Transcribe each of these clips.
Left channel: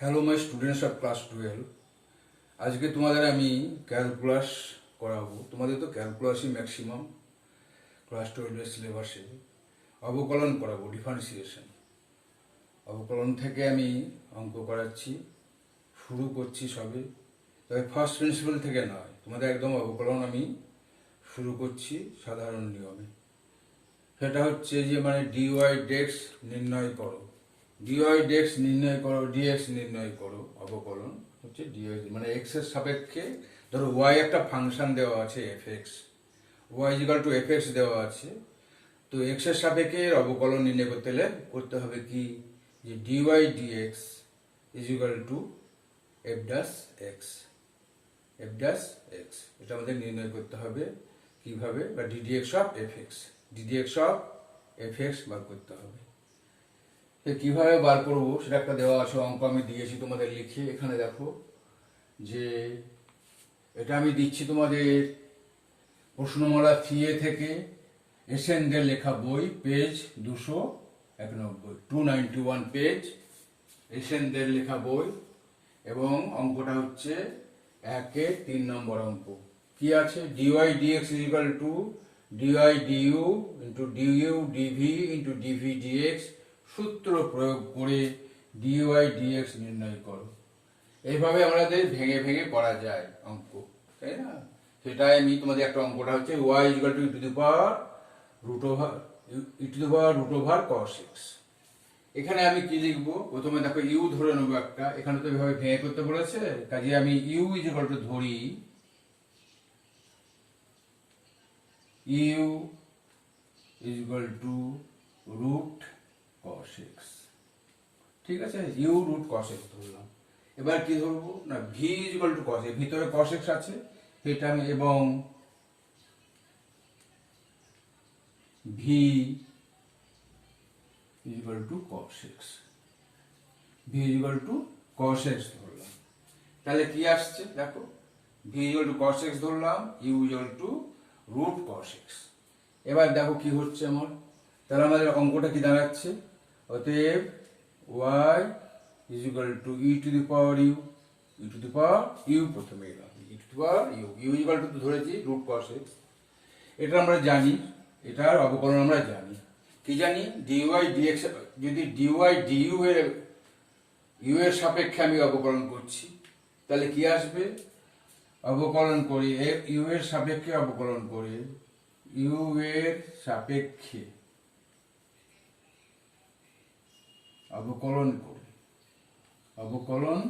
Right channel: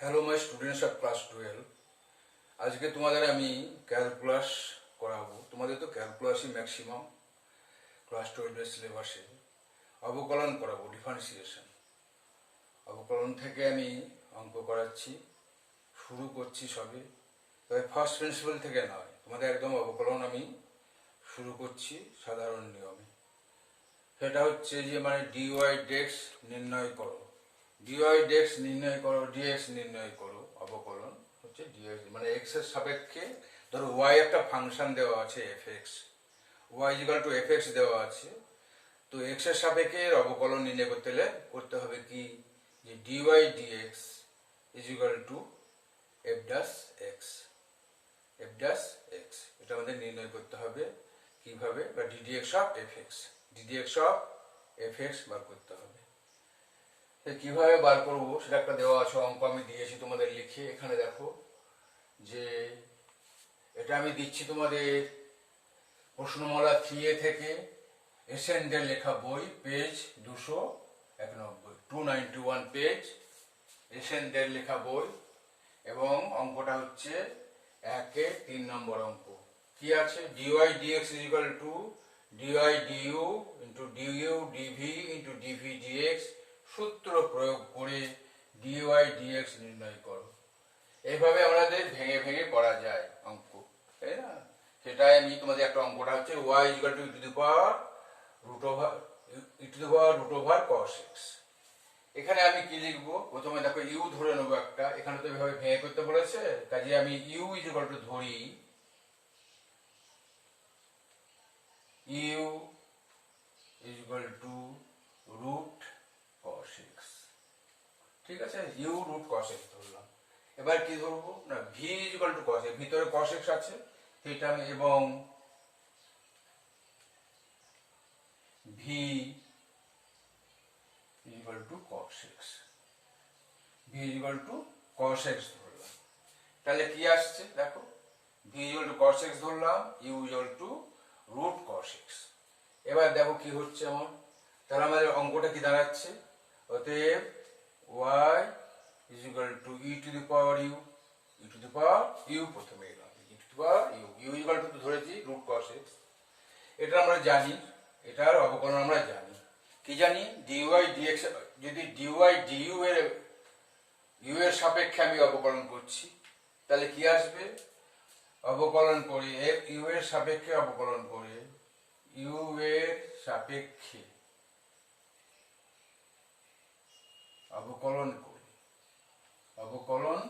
Hello my students of class 12। আজকে তোমাদের আমি ক্যালকুলাস করাবো। তোমাদের তো ক্যালকুলাসই ম্যাক্সিমাম ক্লাস 12-এর সিলেবাসে। অবকলন করাবো, ডিফারেন্সিয়েশন। অবকলন থেকে আমি অঙ্ক করাচ্ছি, শুরু করছি সবে। তবে ফার্স্ট প্রিন্সিপাল থেকে নয়, তোমাদের একদম অবকলন আমি শুরু করছি সাধারণ নিয়মে। সেটা হচ্ছে যে ডিওয়াই ডেক্স নির্ণয় করো, ডিওয়াই ডেক্স নির্ণয় করো, ডিএক্স নির্ণয় করো। অবকলন হচ্ছে ডিওয়াই এক্স এর সাপেক্ষে, ধরো ওয়াই একটা ফাংশন দেওয়া আছে f x, y equal to f x দেওয়া আছে। তো এক্স এর সাপেক্ষে অবকলন নির্ণয় করতে হলে করতে হবে কি, যে d y d x equal to f dash x, f dash x এটা আমাদের নির্ণয় করতে হবে। কিভাবে? বা d d x of f x, ddx of f x বার করতে হবে। কিভাবে বার করবো সেটা একটা দেওয়া আছে, অঙ্ক আমি দিয়েছি তোমাদের লিখে। এখানে দেখো যে এটা আমি দিচ্ছি তোমাদের প্রশ্নমালা 3A থেকে, এসেন্ডের লেখা বই, পেজ 291, 291 পেজ, এসেন্ডের লেখা বই। এবং অঙ্কটা হচ্ছে 1-এর 3 নম্বর অঙ্ক। কি আছে? D y d x equal to d y d u into d u d v into d v d x, সূত্র প্রয়োগ করে ডিওয়াই ডিএক্স নির্ণয় করো। এইভাবে আমাদের ভেঙে ভেঙে করা যায় অঙ্ক, তাই না? সেটাই আমি তোমাদের একটা অঙ্কটা হচ্ছে y equal to e to the power root over cos x. এখানে আমি কি লিখবো? প্রথমে দেখো ইউ ধরে নেবো একটা, এখানে তো এভাবে ভেঙে করতে বলেছে, কাজে আমি ইউ ইজিক্যাল টু ধরি u equal to root cos x. ঠিক আছে, ইউ রুট কস এক্স ধরলাম। এবার কি ধরবো না, V equal to cos X, ভিতরে কস এক্স আছে এটা আমি, এবং V equal to cos X, V equal to cos X ধরলাম। তাহলে কি আসছে দেখো, V equal to cos X ধরলাম, U equal to root cos X. এবার দেখো কি হচ্ছে আমার, তাহলে আমাদের অঙ্কটা কি দাঁড়াচ্ছে, অতএব y equal to e to the power u, e to the power u প্রথমে এলাম, e to the power u, u equal to ধরেছি রুট কস এক্স। এটা আমরা জানি, এটার অবকলন আমরা জানি। কি জানি? ডিওয়াই ডিএক্স, যদি ডিওয়াই ডিইউ এর ইউ এর সাপেক্ষে আমি অবকলন করছি, তাহলে কি আসবে? অবকলন করি ইউ এর সাপেক্ষে, অবকলন করে ইউ এর সাপেক্ষে অবকলন করি, অবকলন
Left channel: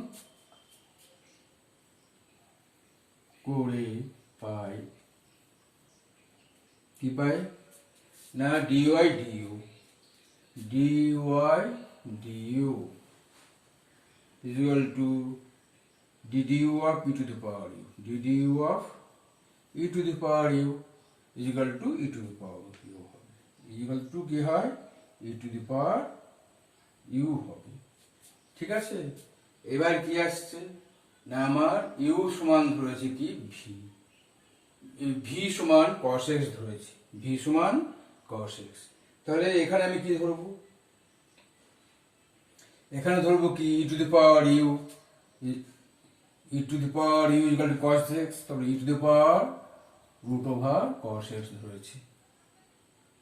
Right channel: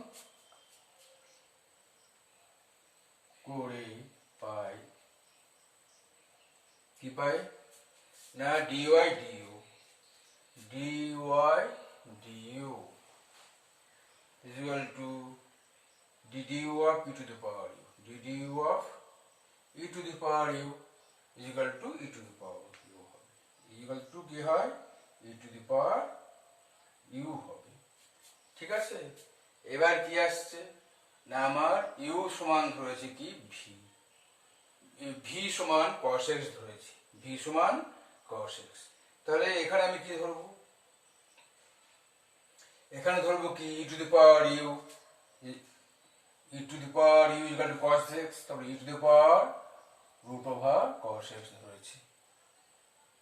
করে পাই কি পাই না, d y d u, d y d u equal to d d u of e to the power u, d d u of e to the power u equal to e to the power u হবে, ইকুয়াল টু কি হয়, ই টু দি পাওয়ার ইউ হবে। ঠিক আছে, এবার কি আসছে না, আমার ইউ সমান ধরেছি কি, ভি, ভি সমান কস এক্স ধরেছি, ভি সমান কস এক্স। তাহলে এখানে আমি কি ধরবো? এখানে ধরবো কি, e to the power u, e to the power u equal to cos x, তারপরে e to the power root over cos x ধরেছি।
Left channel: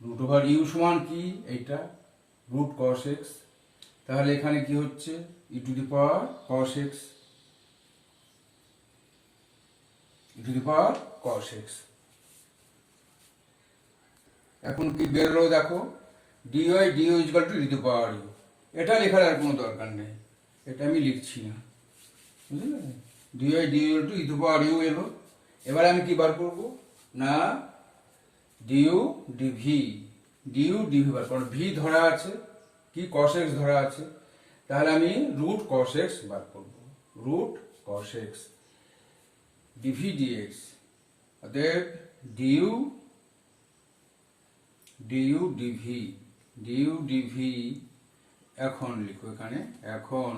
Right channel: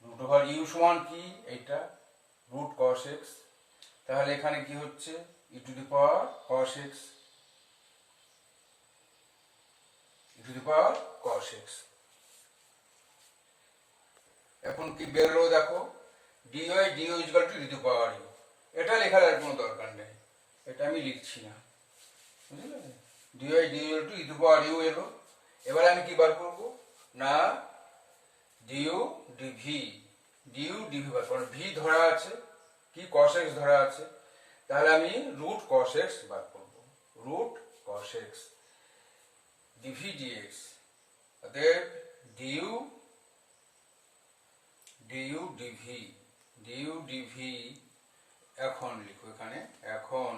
রুট ওভার ইউ সমান কি, এইটা রুট কস এক্স। তাহলে এখানে কি হচ্ছে, e to the power cos x, e to the power cos x. এখন কি বেরোলো দেখো, d y d u equal to e to the power u. এটা লেখার আর কোনো দরকার নেই, এটা আমি লিখছি না, বুঝলে? D y d u to e to the power u এলো। এবার আমি কি বার করব না, ডিইউ ডিভি, ডিইউ ডিভি বার করব। ভি ধরা আছে কি, কস এক্স ধরা আছে, তাহলে আমি রুট কস এক্স বার করব, root cos x DV dx. অতএব d u d u d v, d u d v, এখন লিখো এখানে, এখন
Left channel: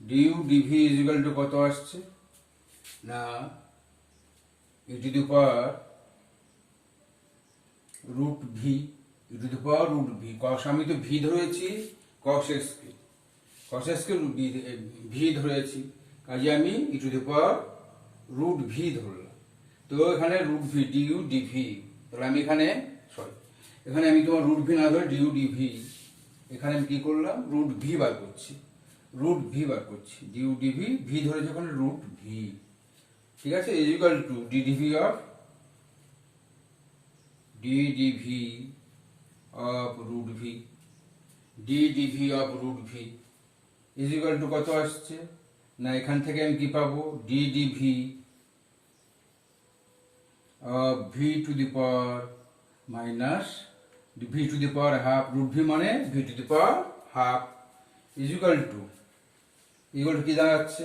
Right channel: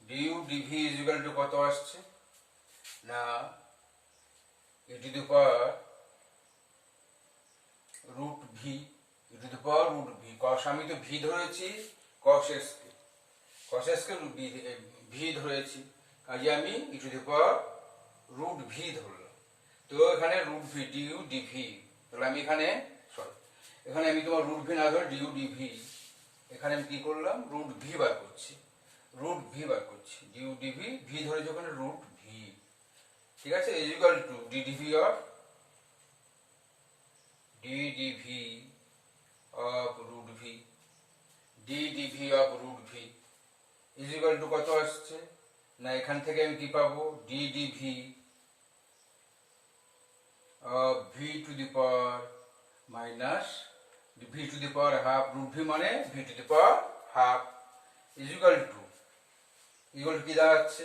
ডিইউ ডিভি ইজিক্যাল টু কত আসছে না, e to the power root v, e to the power root v, কস আমি তো ভি ধরেছি কস এক্স কে, cos x কে ভি ধরেছি, কাজে আমি e to the power root v ধরলাম। তো এখানে রুট ভি ডিউ ডিভি, তাহলে আমি এখানে এখানে আমি তোমার রুট ভি না ধরে ডিউ ডিভি, এখানে আমি কি করলাম রুট ভি বার করছি, রুট ভি বার করছি, ডিউ ডিভি ভি ধরেছি ওখানে রুট ভি, ঠিক আছে, is equal to d dv of root v, d dv of root v is equal to কত আসছে না, এখান থেকে আমি কি পাবো d dv of v to the power minus v to the power half, root v মানে v to the power half is equal to কি দাঁড়াচ্ছে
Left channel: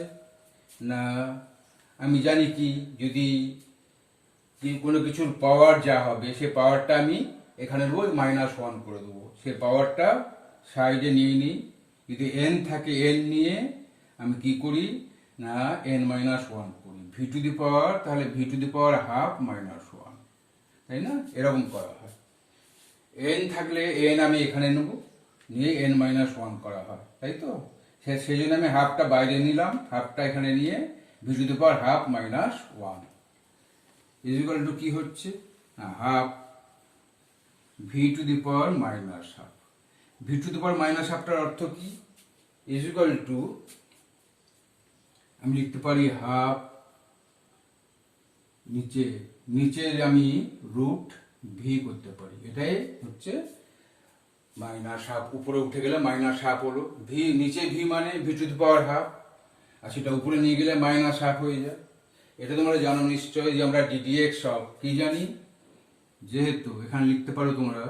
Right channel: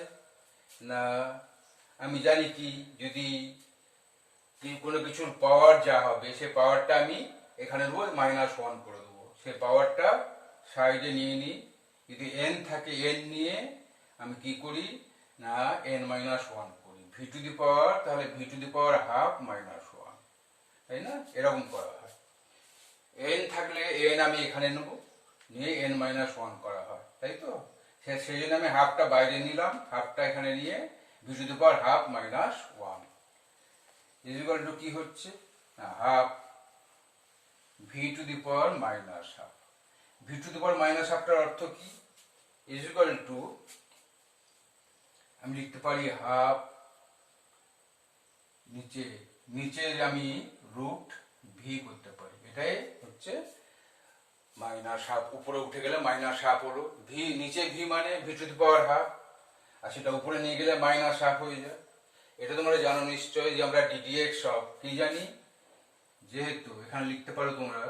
না, আমি জানি কি যদি কোনো কিছুর পাওয়ার যা হবে সে পাওয়ারটা আমি এখানে দেবো -1 করে দেবো, সে পাওয়ারটা সাইডে নিয়ে নিই, যদি n থাকে n নিয়ে আমি কি করি না n-1 করি, ভি টু দি পাওয়ার তাহলে V to the power half -1, তাই না, এরকম করা হয়। n থাকলে n আমি এখানে নেব, নিয়ে n-1 করা হয়, তাই তো, সেই জন্য আমি হাফটা বাইরে নিলাম, হাফটা এখানে নিয়ে v to the power half -1 is equal to কি হচ্ছে half v to the power -half, v to the power -হাফটার অর্থ কি, ইজ ইকুয়াল টু আমি লিখতে পারি হাফ নিচে আমি রুট ভি করতে পারি, এটাই হচ্ছে -হাফ, উপরে উঠে গেলে -হাফ হলো, ভি নিচে ভি মানে v to the power half, আর সেটা উপরে নিয়ে গেলে -হাফ হয়ে যায়। এটা তোমরা জানো নিশ্চয়ই যে আমরা ডিডিএক্স অফ কি জানি, যেহেতু এখানে লিখতে পারো তোমরা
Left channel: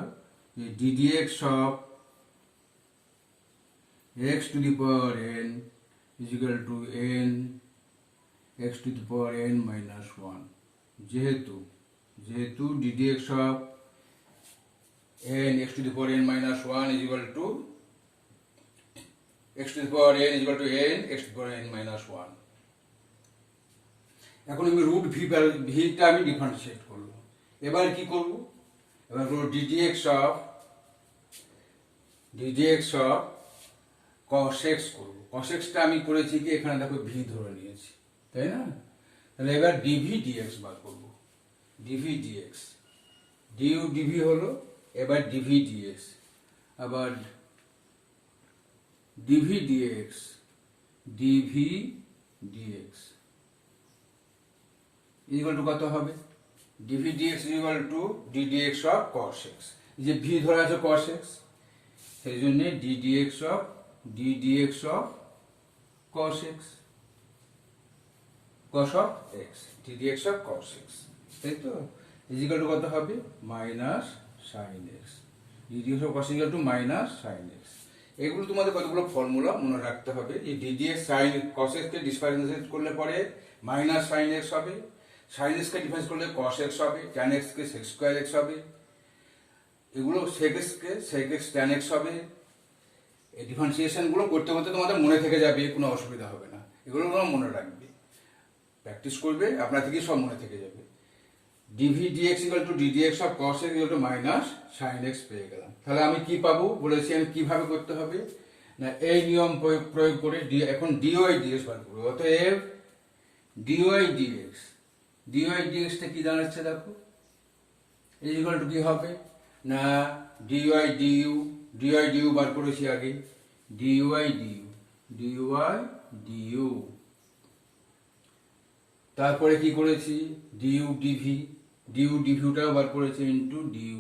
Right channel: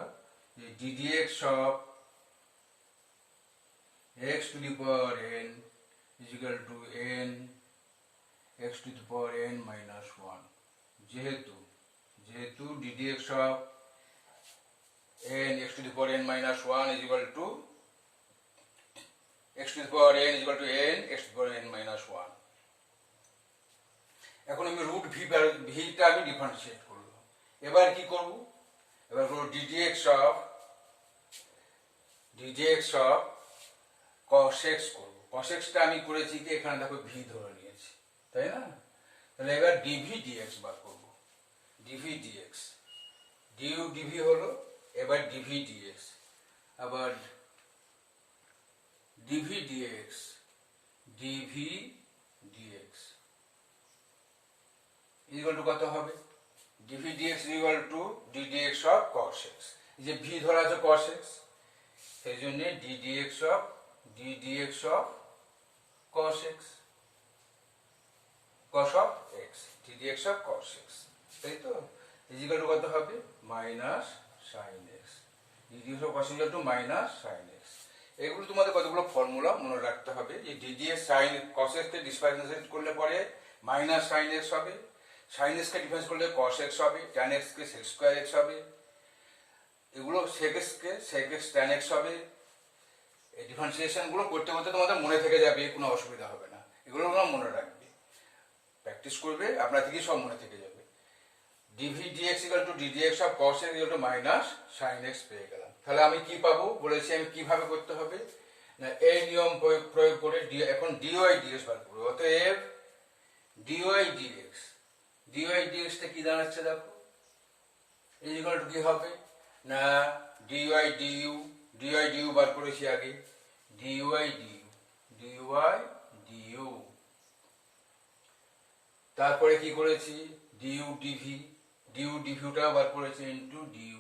যে ddx of x to the power N is equal two N x to the power n-1, যেহেতু ddx of n x to the power n-1 is equal to x to the power n is equal to n x to the power n-1। এখন আমি root ভিটা আমি differentiate করব, এবার কি করব, এবার করব ডিডিএক্স অফ cos x করব, cos x টা আমি করেছি কি এখানে দেখো ভি ধরে নিয়েছি, তাই না, তাহলে এবার ডিভি ডিএক্স বার করব, ডিভি ডিএক্স ডিউ ডিভি হলো, এবার ডিভি ডিএক্স, আবার ডিভি ডিএক্স ইকুয়াল টু কত হবে, d v dx equal to ddx of cos x, যে ভি ধরা আছে cos x, সেই জন্য d d x of cos x, d d x of cos x, তাই তো, ইকুয়াল টু কত হবে -sin x, d d x of cos equal to -sin x। এগুলো তোমাদের কতগুলো ফর্মুলা মনে রাখতে হবে, যে ডিডিএক্স sin cos x কে ডিফারেন্সিয়েট করলে পরে -sin x হবে, sin x কে ডিফারেন্স করলে cos x হবে, tan x কে sec স্কয়ার x হবে, এগুলো sec x কে sec x tan x হবে। এই ডিফারেন্সিয়েশন গুলো করতে করতে তোমাদের মনে থেকে যাবে, কোনো অসুবিধা হবে না, এগুলো তোমরা মনে রাখবে, প্র্যাকটিস করবে, আপনার থেকে সব মনে থেকে যাবে। D v dx equal to ddx of cos x equal to -sin x পেয়ে গেলাম। তাহলে আমি কি পাবো বলেছি, আমি কিভাবে করতে হবে না এই নিয়ম প্রয়োগ করে এখন ডিওয়াই ডিএক্স বার করবো, অতএব ডিওয়াই ডিএক্স টা কি দাঁড়াচ্ছে দেখো, এই ইকুয়াল টু কি হবে না ডিওয়াই ডিউ বার করেছি আগে, ডিওয়াই ডিউ, তারপরে কি করেছি ডিউ ডিভিটাও বার করেছি ইন্টু ডিউ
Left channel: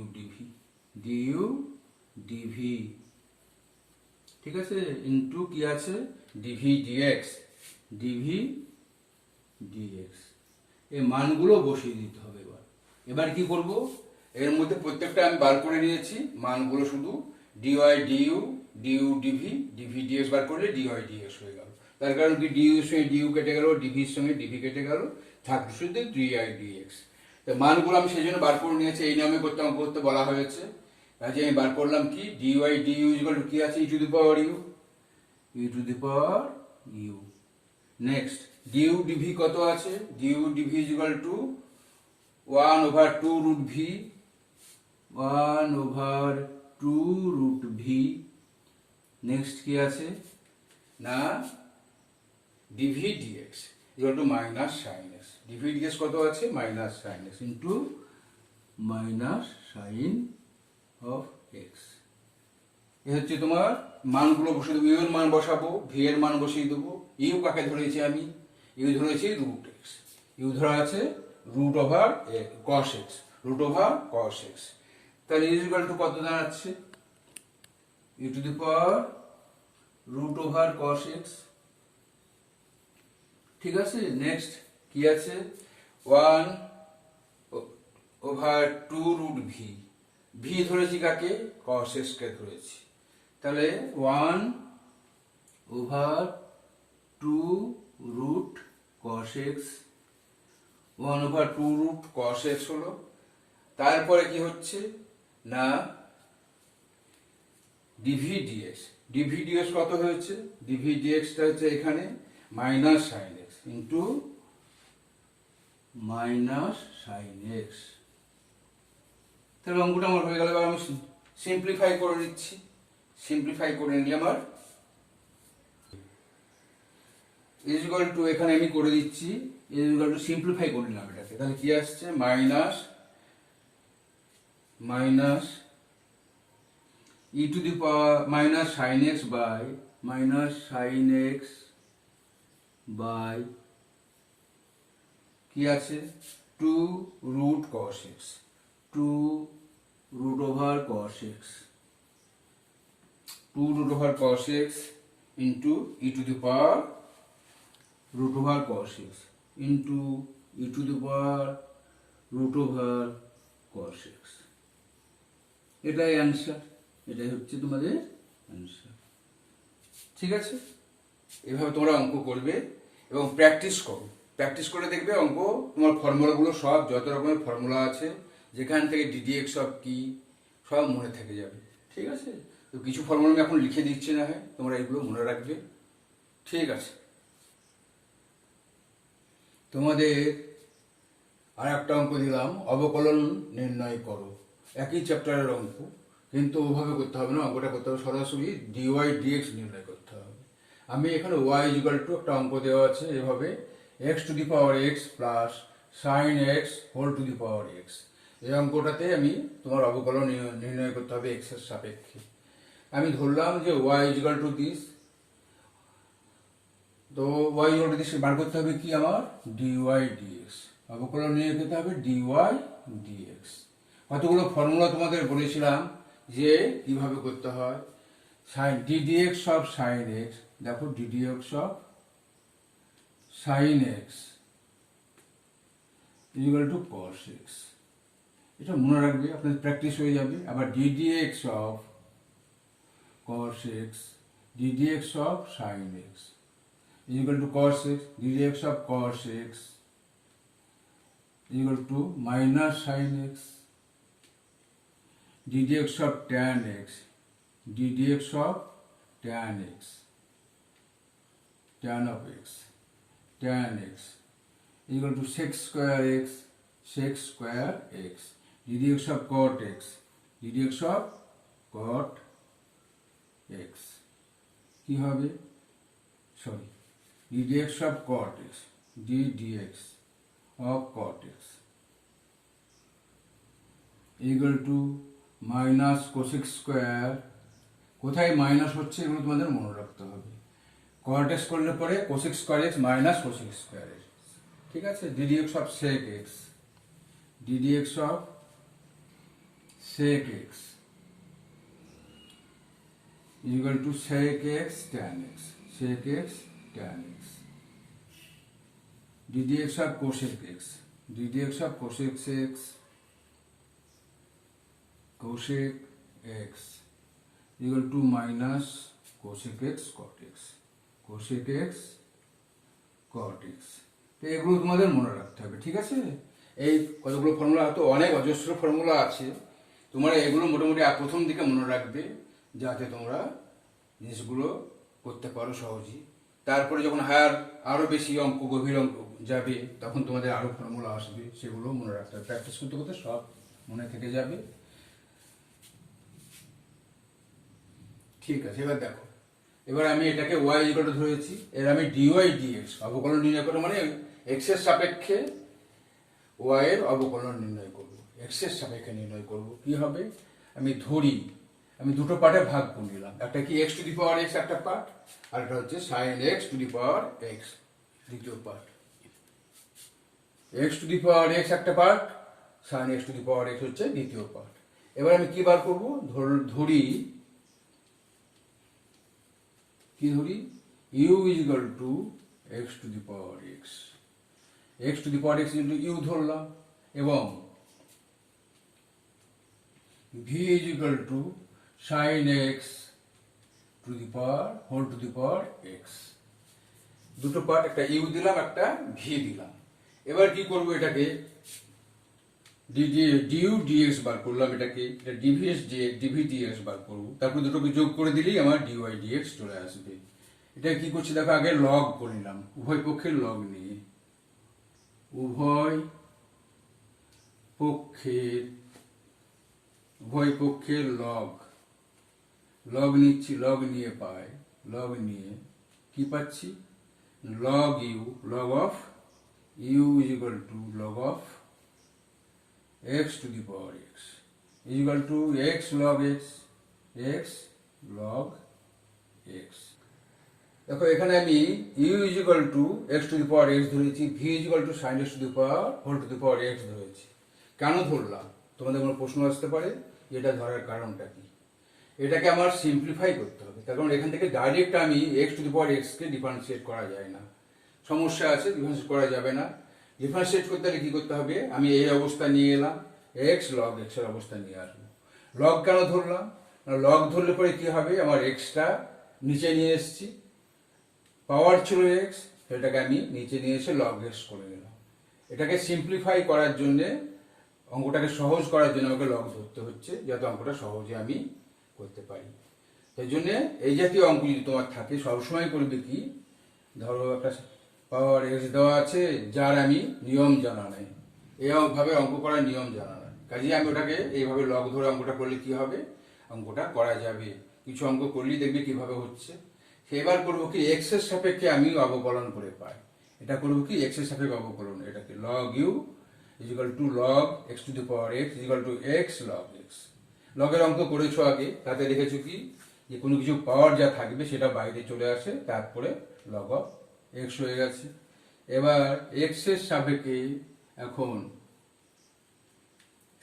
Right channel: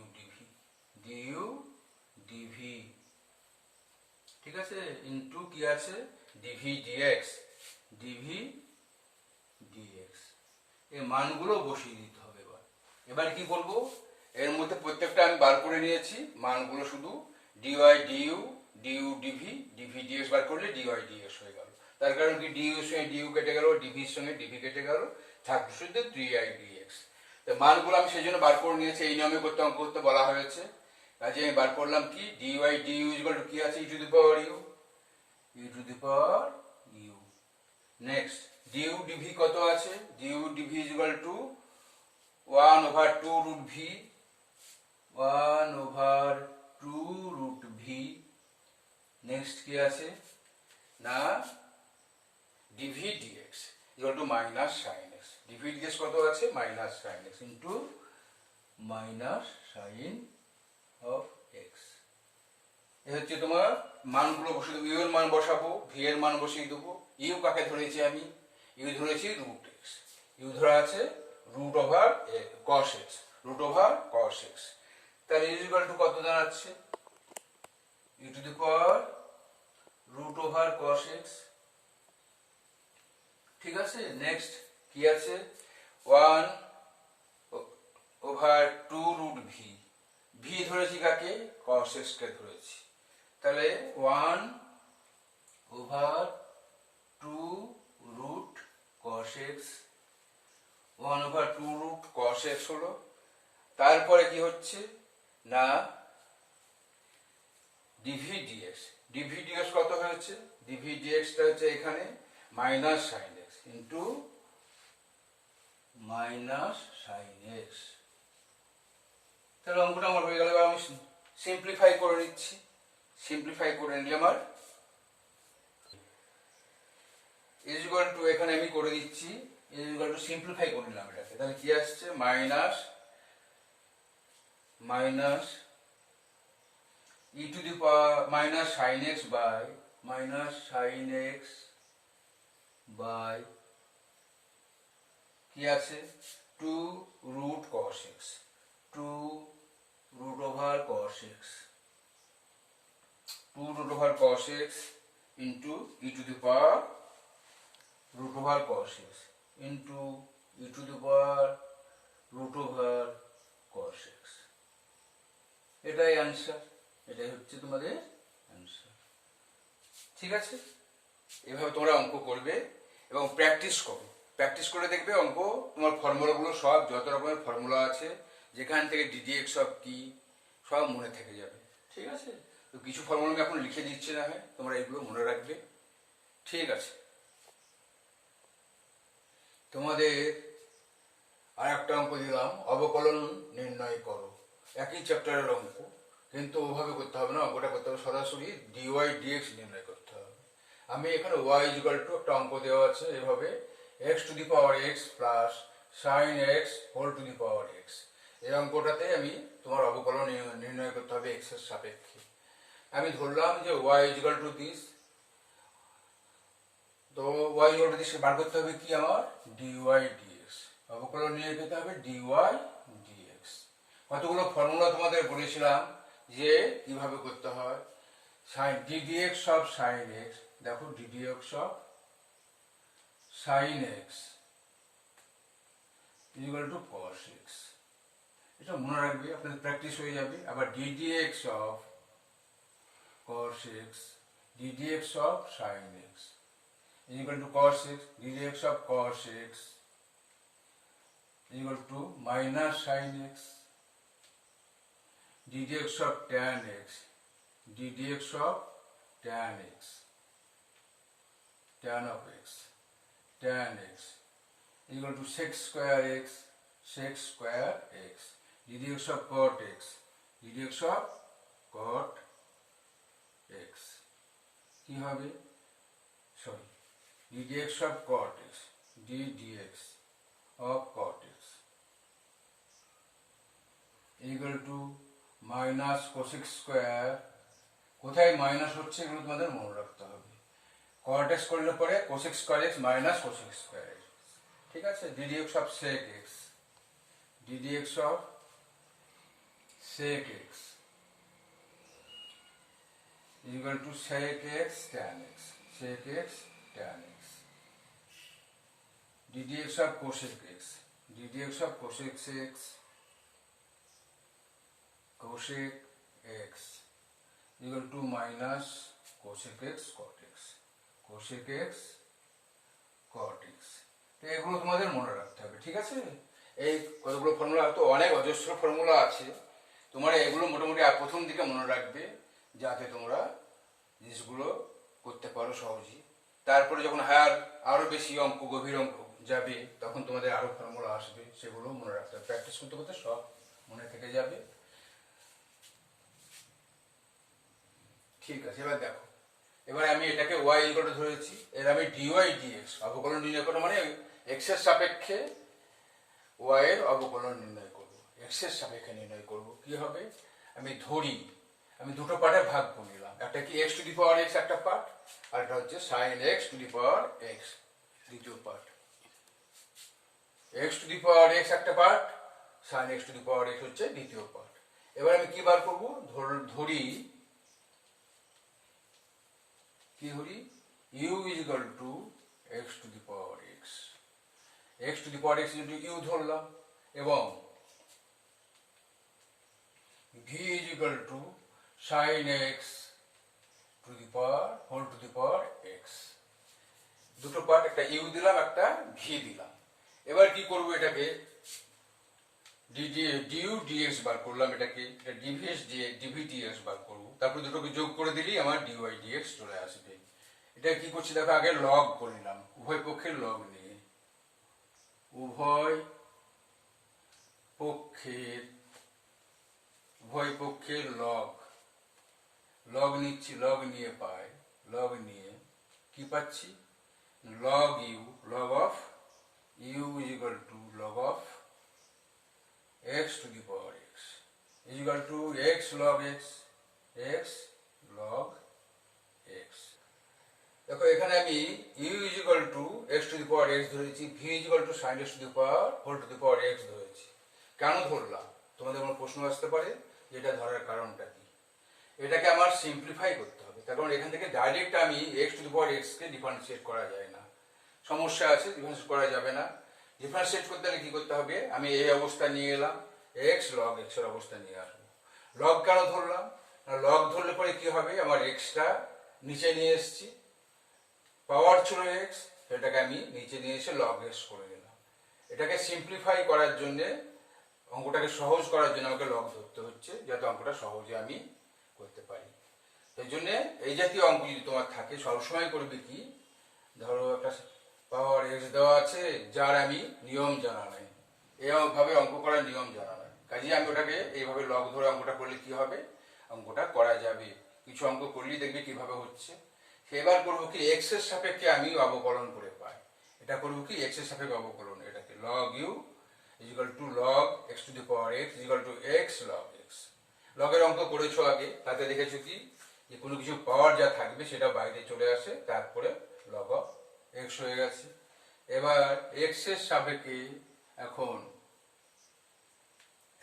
ডিভি, ঠিক আছে, ইন্টু কি আছে ডিভি ডিএক্স এই মানগুলো বসিয়ে দিতে হবে। এবার কি করব, এর মধ্যে প্রত্যেকটা আমি বার করে নিয়েছি মানগুলো, শুধু ডিওয়াই ডিউ ডিভি ডিএক্স বার করলে ডিওয়াই ডিএক্স হয়ে গেল, তার কারণ কি ডিউ এর সঙ্গে ডিউ কেটে গেল, ডিভির সঙ্গে ডিভি কেটে গেল, থাকলো শুধু ডিআই ডিএক্স। মানগুলো আমি সেই জন্য বার করে নিয়েছি, এই নিয়মে করতে বলা হয়েছে, কাজে আমি বার করলাম কি ডিওয়াই ডিউ ইকুয়াল টু কি আছে e to the power u, next du dv কত আছে, du dv equal to 1/2 root v, next কি আছে না dv dx equal to minus sine x. DV dx কত আছে? Minus sine x into minus sine of x. এ হচ্ছে তোমার মানগুলো বসিয়ে দেবো। ইউ এর মান বসাবো, ভি এর মান বসিয়ে দেবো। ইউ কাকে ধরেছি আমি? ইউ ধরেছি রুট এক্স। ইউ ধরা আছে root over cos x, root over cos x. তাহলে ইজ ইকুয়াল টু কত দাঁড়াচ্ছে? U to the power root over cos x. ঠিক আছে, নেক্সট কি আছে? 1 ওভার 2 রুট ভি। ভি ধরেছি কাকে? কস এক্স কে ধরেছি। তাহলে 1 over 2 root cos x, 1 over 2 root cos x হলো। তারপরে কি হচ্ছে না ডিভি ডিএক্স। ডিভি ডিএক্স কত হয়েছে? ডিভি ডিএক্সটা হচ্ছে এখানে minus sine x into minus sine x. তাহলে অঙ্কটা আমার হয়ে গেল। এবার আমি সিম্পলিফাই করে নিচ্ছি। সিম্পলিফাই করে নিই আমার ইজ ইকুয়াল টু, এখানে আমি করে দিচ্ছি ইজ ইকুয়াল টু, সিম্পলিফাই করে নিলাম এটাকে। তাহলে কি আসছে? Minus minus e to the power minus sine x by minus sine x by কি আছে? 2 root cos x, 2 root over cos x, 2 root over cos x into e to the power root over cos x into e to the power root over cos x। এটাই answer, এটাই হচ্ছে তোমাদের answer. ঠিক আছে, এভাবে তোমরা অঙ্ক করবে এবং প্র্যাকটিস করো। প্র্যাকটিস করে দেখবে অঙ্ক তোমার ফর্মুলাগুলো সব যত রকমের ফর্মুলা আছে, যেখান থেকে ডিডিএক্স সব কি সব মনে থেকে যাবে। ঠিক আছে, তো কিছু ফর্মুলা আমি এখন লিখে দিচ্ছি, না হয় তোমরা এগুলো মনে রাখবে। ঠিক আছে, তোমাদের আর একটা অঙ্ক দিলাম, অবকলন নির্ণয় করো। একই চ্যাপ্টারের অঙ্ক, কিন্তু ওভাবে করতে হবে না, অঙ্কটা করতে হবে সরাসরি ডিওয়াই ডিএক্স নির্ণয় করতে হবে। আমি এখানে ওয়াই ইকুয়াল টু একটা অঙ্ক দেওয়া আছে এভাবে, x to the power x plus sine x whole to the power x. এই অঙ্কটাতে আমি তোমার অবকলন নির্ণয় করতে হবে এক্স এর সাপেক্ষে। আমি ধরলাম যে ওয়াই ইকুয়াল টু দিস, তো ওয়াই ইকুয়াল টু দিস বার করতে হবে কি আমার? Dy dx. অবকলন নিয়ে যেতে হবে ডিওয়াই ডিএক্স। কতগুলো ফর্মুলা তোমাদের বলেছিলাম যে কিভাবে করতে হয়। Sine ddx of sine x, দেখো ddx of sine x equal to cos x. এটা মনে রাখবে, আপনাদের প্র্যাকটিস হয়ে যাবে। আবার ddx of cos x ddx of sin x is equal to cos x, ddx of cos x is equal to minus sin x, ddx of tan x, ddx of tan x, tan of x, tan x is equal to sec square x, sec square x, ddx of cot x, ddx of cot x কি হবে? Sorry, ddx of cot x, ddx of cot x equal to minus cosec square। কোথায় minus হচ্ছে এগুলো তোমাদের মনে রাখতে হবে। cot x করলে পরে cosec square x minus cosec square x। ঠিক আছে, ddx of sec x, ddx of sec x is equal to sec x tan x, sec x tan x, ddx of cosec x, ddx of cosec x, cosec x is equal to minus cosec x cot x, cosec x cot x। তো এগুলো তোমাদের মনে রাখতে হবে। ঠিক আছে, এই কতগুলো ফর্মুলা, তো অনেক অজস্র ফর্মুলা আছে, তোমরা এগুলো মোটামুটি প্রথম দিকে মনে রাখবে যাতে তোমরা জিনিসগুলো করতে পারো সহজেই। তারপরে যখন হায়ার আরো বেশি অঙ্ক, গভীর অঙ্ক যাবে, তখন তোমাদের আরো ফর্মুলা আসবে, সেগুলো মনে রাখতে হবে। প্র্যাকটিস করতে করতে সব মনে থেকে যাবে। ঠিক আছে, এবার দেখো এবার আমি এটাকে y ইকুয়াল টু ধরেছি, এর আমি dy dx অবকলন নির্ণয় করবো, মানে x এর সাপেক্ষে y এর অবকলন নির্ণয় করব, x এর সাপেক্ষে নির্ণয় করব। কি হবে, আমি ধরি আমি দুটো পার্টে ভাগ করে নিলাম, একটা কি x two the power x একটা পার্ট, আর একটা হচ্ছে sin x two the power x দ্বিতীয় part. x two the power x একটা part, sin x two the power x হচ্ছে দ্বিতীয় পার্ট। এবার আমি কি বার করব, ধরি u is equal to x to the power x, x to the power x u ধরলাম, এবং v is equal to sin x to the power whole to the power x। দুটো পার্ট, একটা u দিলাম একটা v দিলাম। এবার কি করব, এটাকে du dx বার করলাম, এটাকে dv dx বার করব, তারপর দুটোকে যোগ করে দিলেই আমার dy dx চলে আসবে। এটা কি করছি দেখো, আগে লগ করে নিলাম, উভয় পক্ষের লগ নিয়ে, উভয় পক্ষের লগ নিচ্ছি, লগ নিয়ে পাই, লগ নিয়ে কি পাচ্ছি, log u, log of u is equal to log of x to the power x is equal to x log x log x। দেখো এখানে আমি u is equal to x to the power x ধরেছি, v is equal to sin x to the power whole to the power x ধরেছি। কেন ধরলাম, তোমাদের কোনো প্রশ্ন আসতে পারে এটা ধরার কারণটা কি। এটাকে আমার সিম্পলিফাই করতে হবে, তার কারণ এখান থেকে ডাইরেক্ট আমি x two the power x K differentiate করা যায় না, সমস্যা আছে, ডিফারেন্সিয়েট করা যাবে না। ডিফারেন্সিয়েট করতে হলে কি করতে হবে, আমি এই অবস্থা নিয়ে এলাম, x log x এর অবস্থা নিয়ে আসবো। লগ কেন ধরলাম, লগ ধরলে পরে কি হবে, আমার এক্সটা নিচে নিয়ে এসেছি, পাওয়ার ছিল x, সেটাকে আমি নিচে নিয়ে এসে লগ x করে নিলাম। এটাকে সিম্পলিফাই করার জন্য, অঙ্কটাকে সহজ করার জন্য আমাকে লগ ধরতে হচ্ছে, যাতে অঙ্কটা সহজে আমি করতে পারি। তাই জন্য এই জাতীয় অঙ্ক যদি তোমার থাকে, সবসময় করবে কি, ধরো একটা পাওয়ার এক্স দেওয়া আছে, যার আমি নিয়ম জানা নাই, এইভাবে অঙ্ক করার নিয়ম জানা নাই, কাজে আমি ওটাকে এইভাবে লগ ধরে অঙ্কটা করলে কি হবে, অঙ্কটা করা যাবে। কিছু অঙ্ক করলেই দেখবে কিভাবে হচ্ছে। এবার করবো কি, এক্স এর সাপেক্ষে আমি অবকলন করে পাই, এটা করবো কি এক্স এর সাপেক্ষে অবকলন, এটাকে log u is equal to log x to the power x is equal to x log x। লগের অঙ্ক করেছো আগে, তাতে দেখেছো কি, যে কোনো কিছু পাওয়ার যা থাকবে সেটা বাইরে চলে আসে, তারপরে log of x হয়ে গেছে। এবার x এর সাপেক্ষে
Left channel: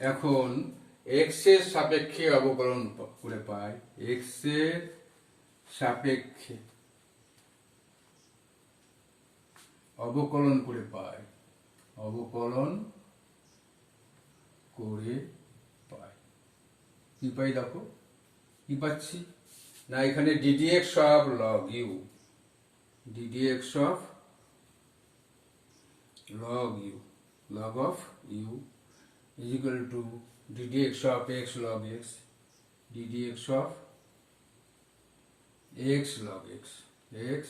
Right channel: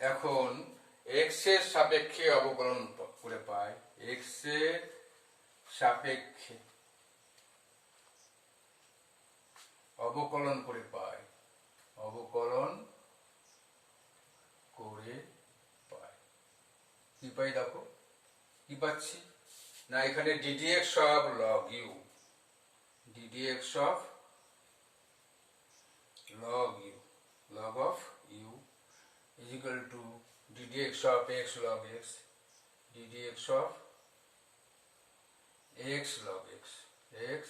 এখন x এর সাপেক্ষে অবকলন করে পাই, x এর সাপেক্ষে অবকলন করে পাই, কি পাই দেখো, কি পাচ্ছি না, এখানে ddx of log u, ddx of log u, log of u is equal to ddx of x log x, ddx of x log x, x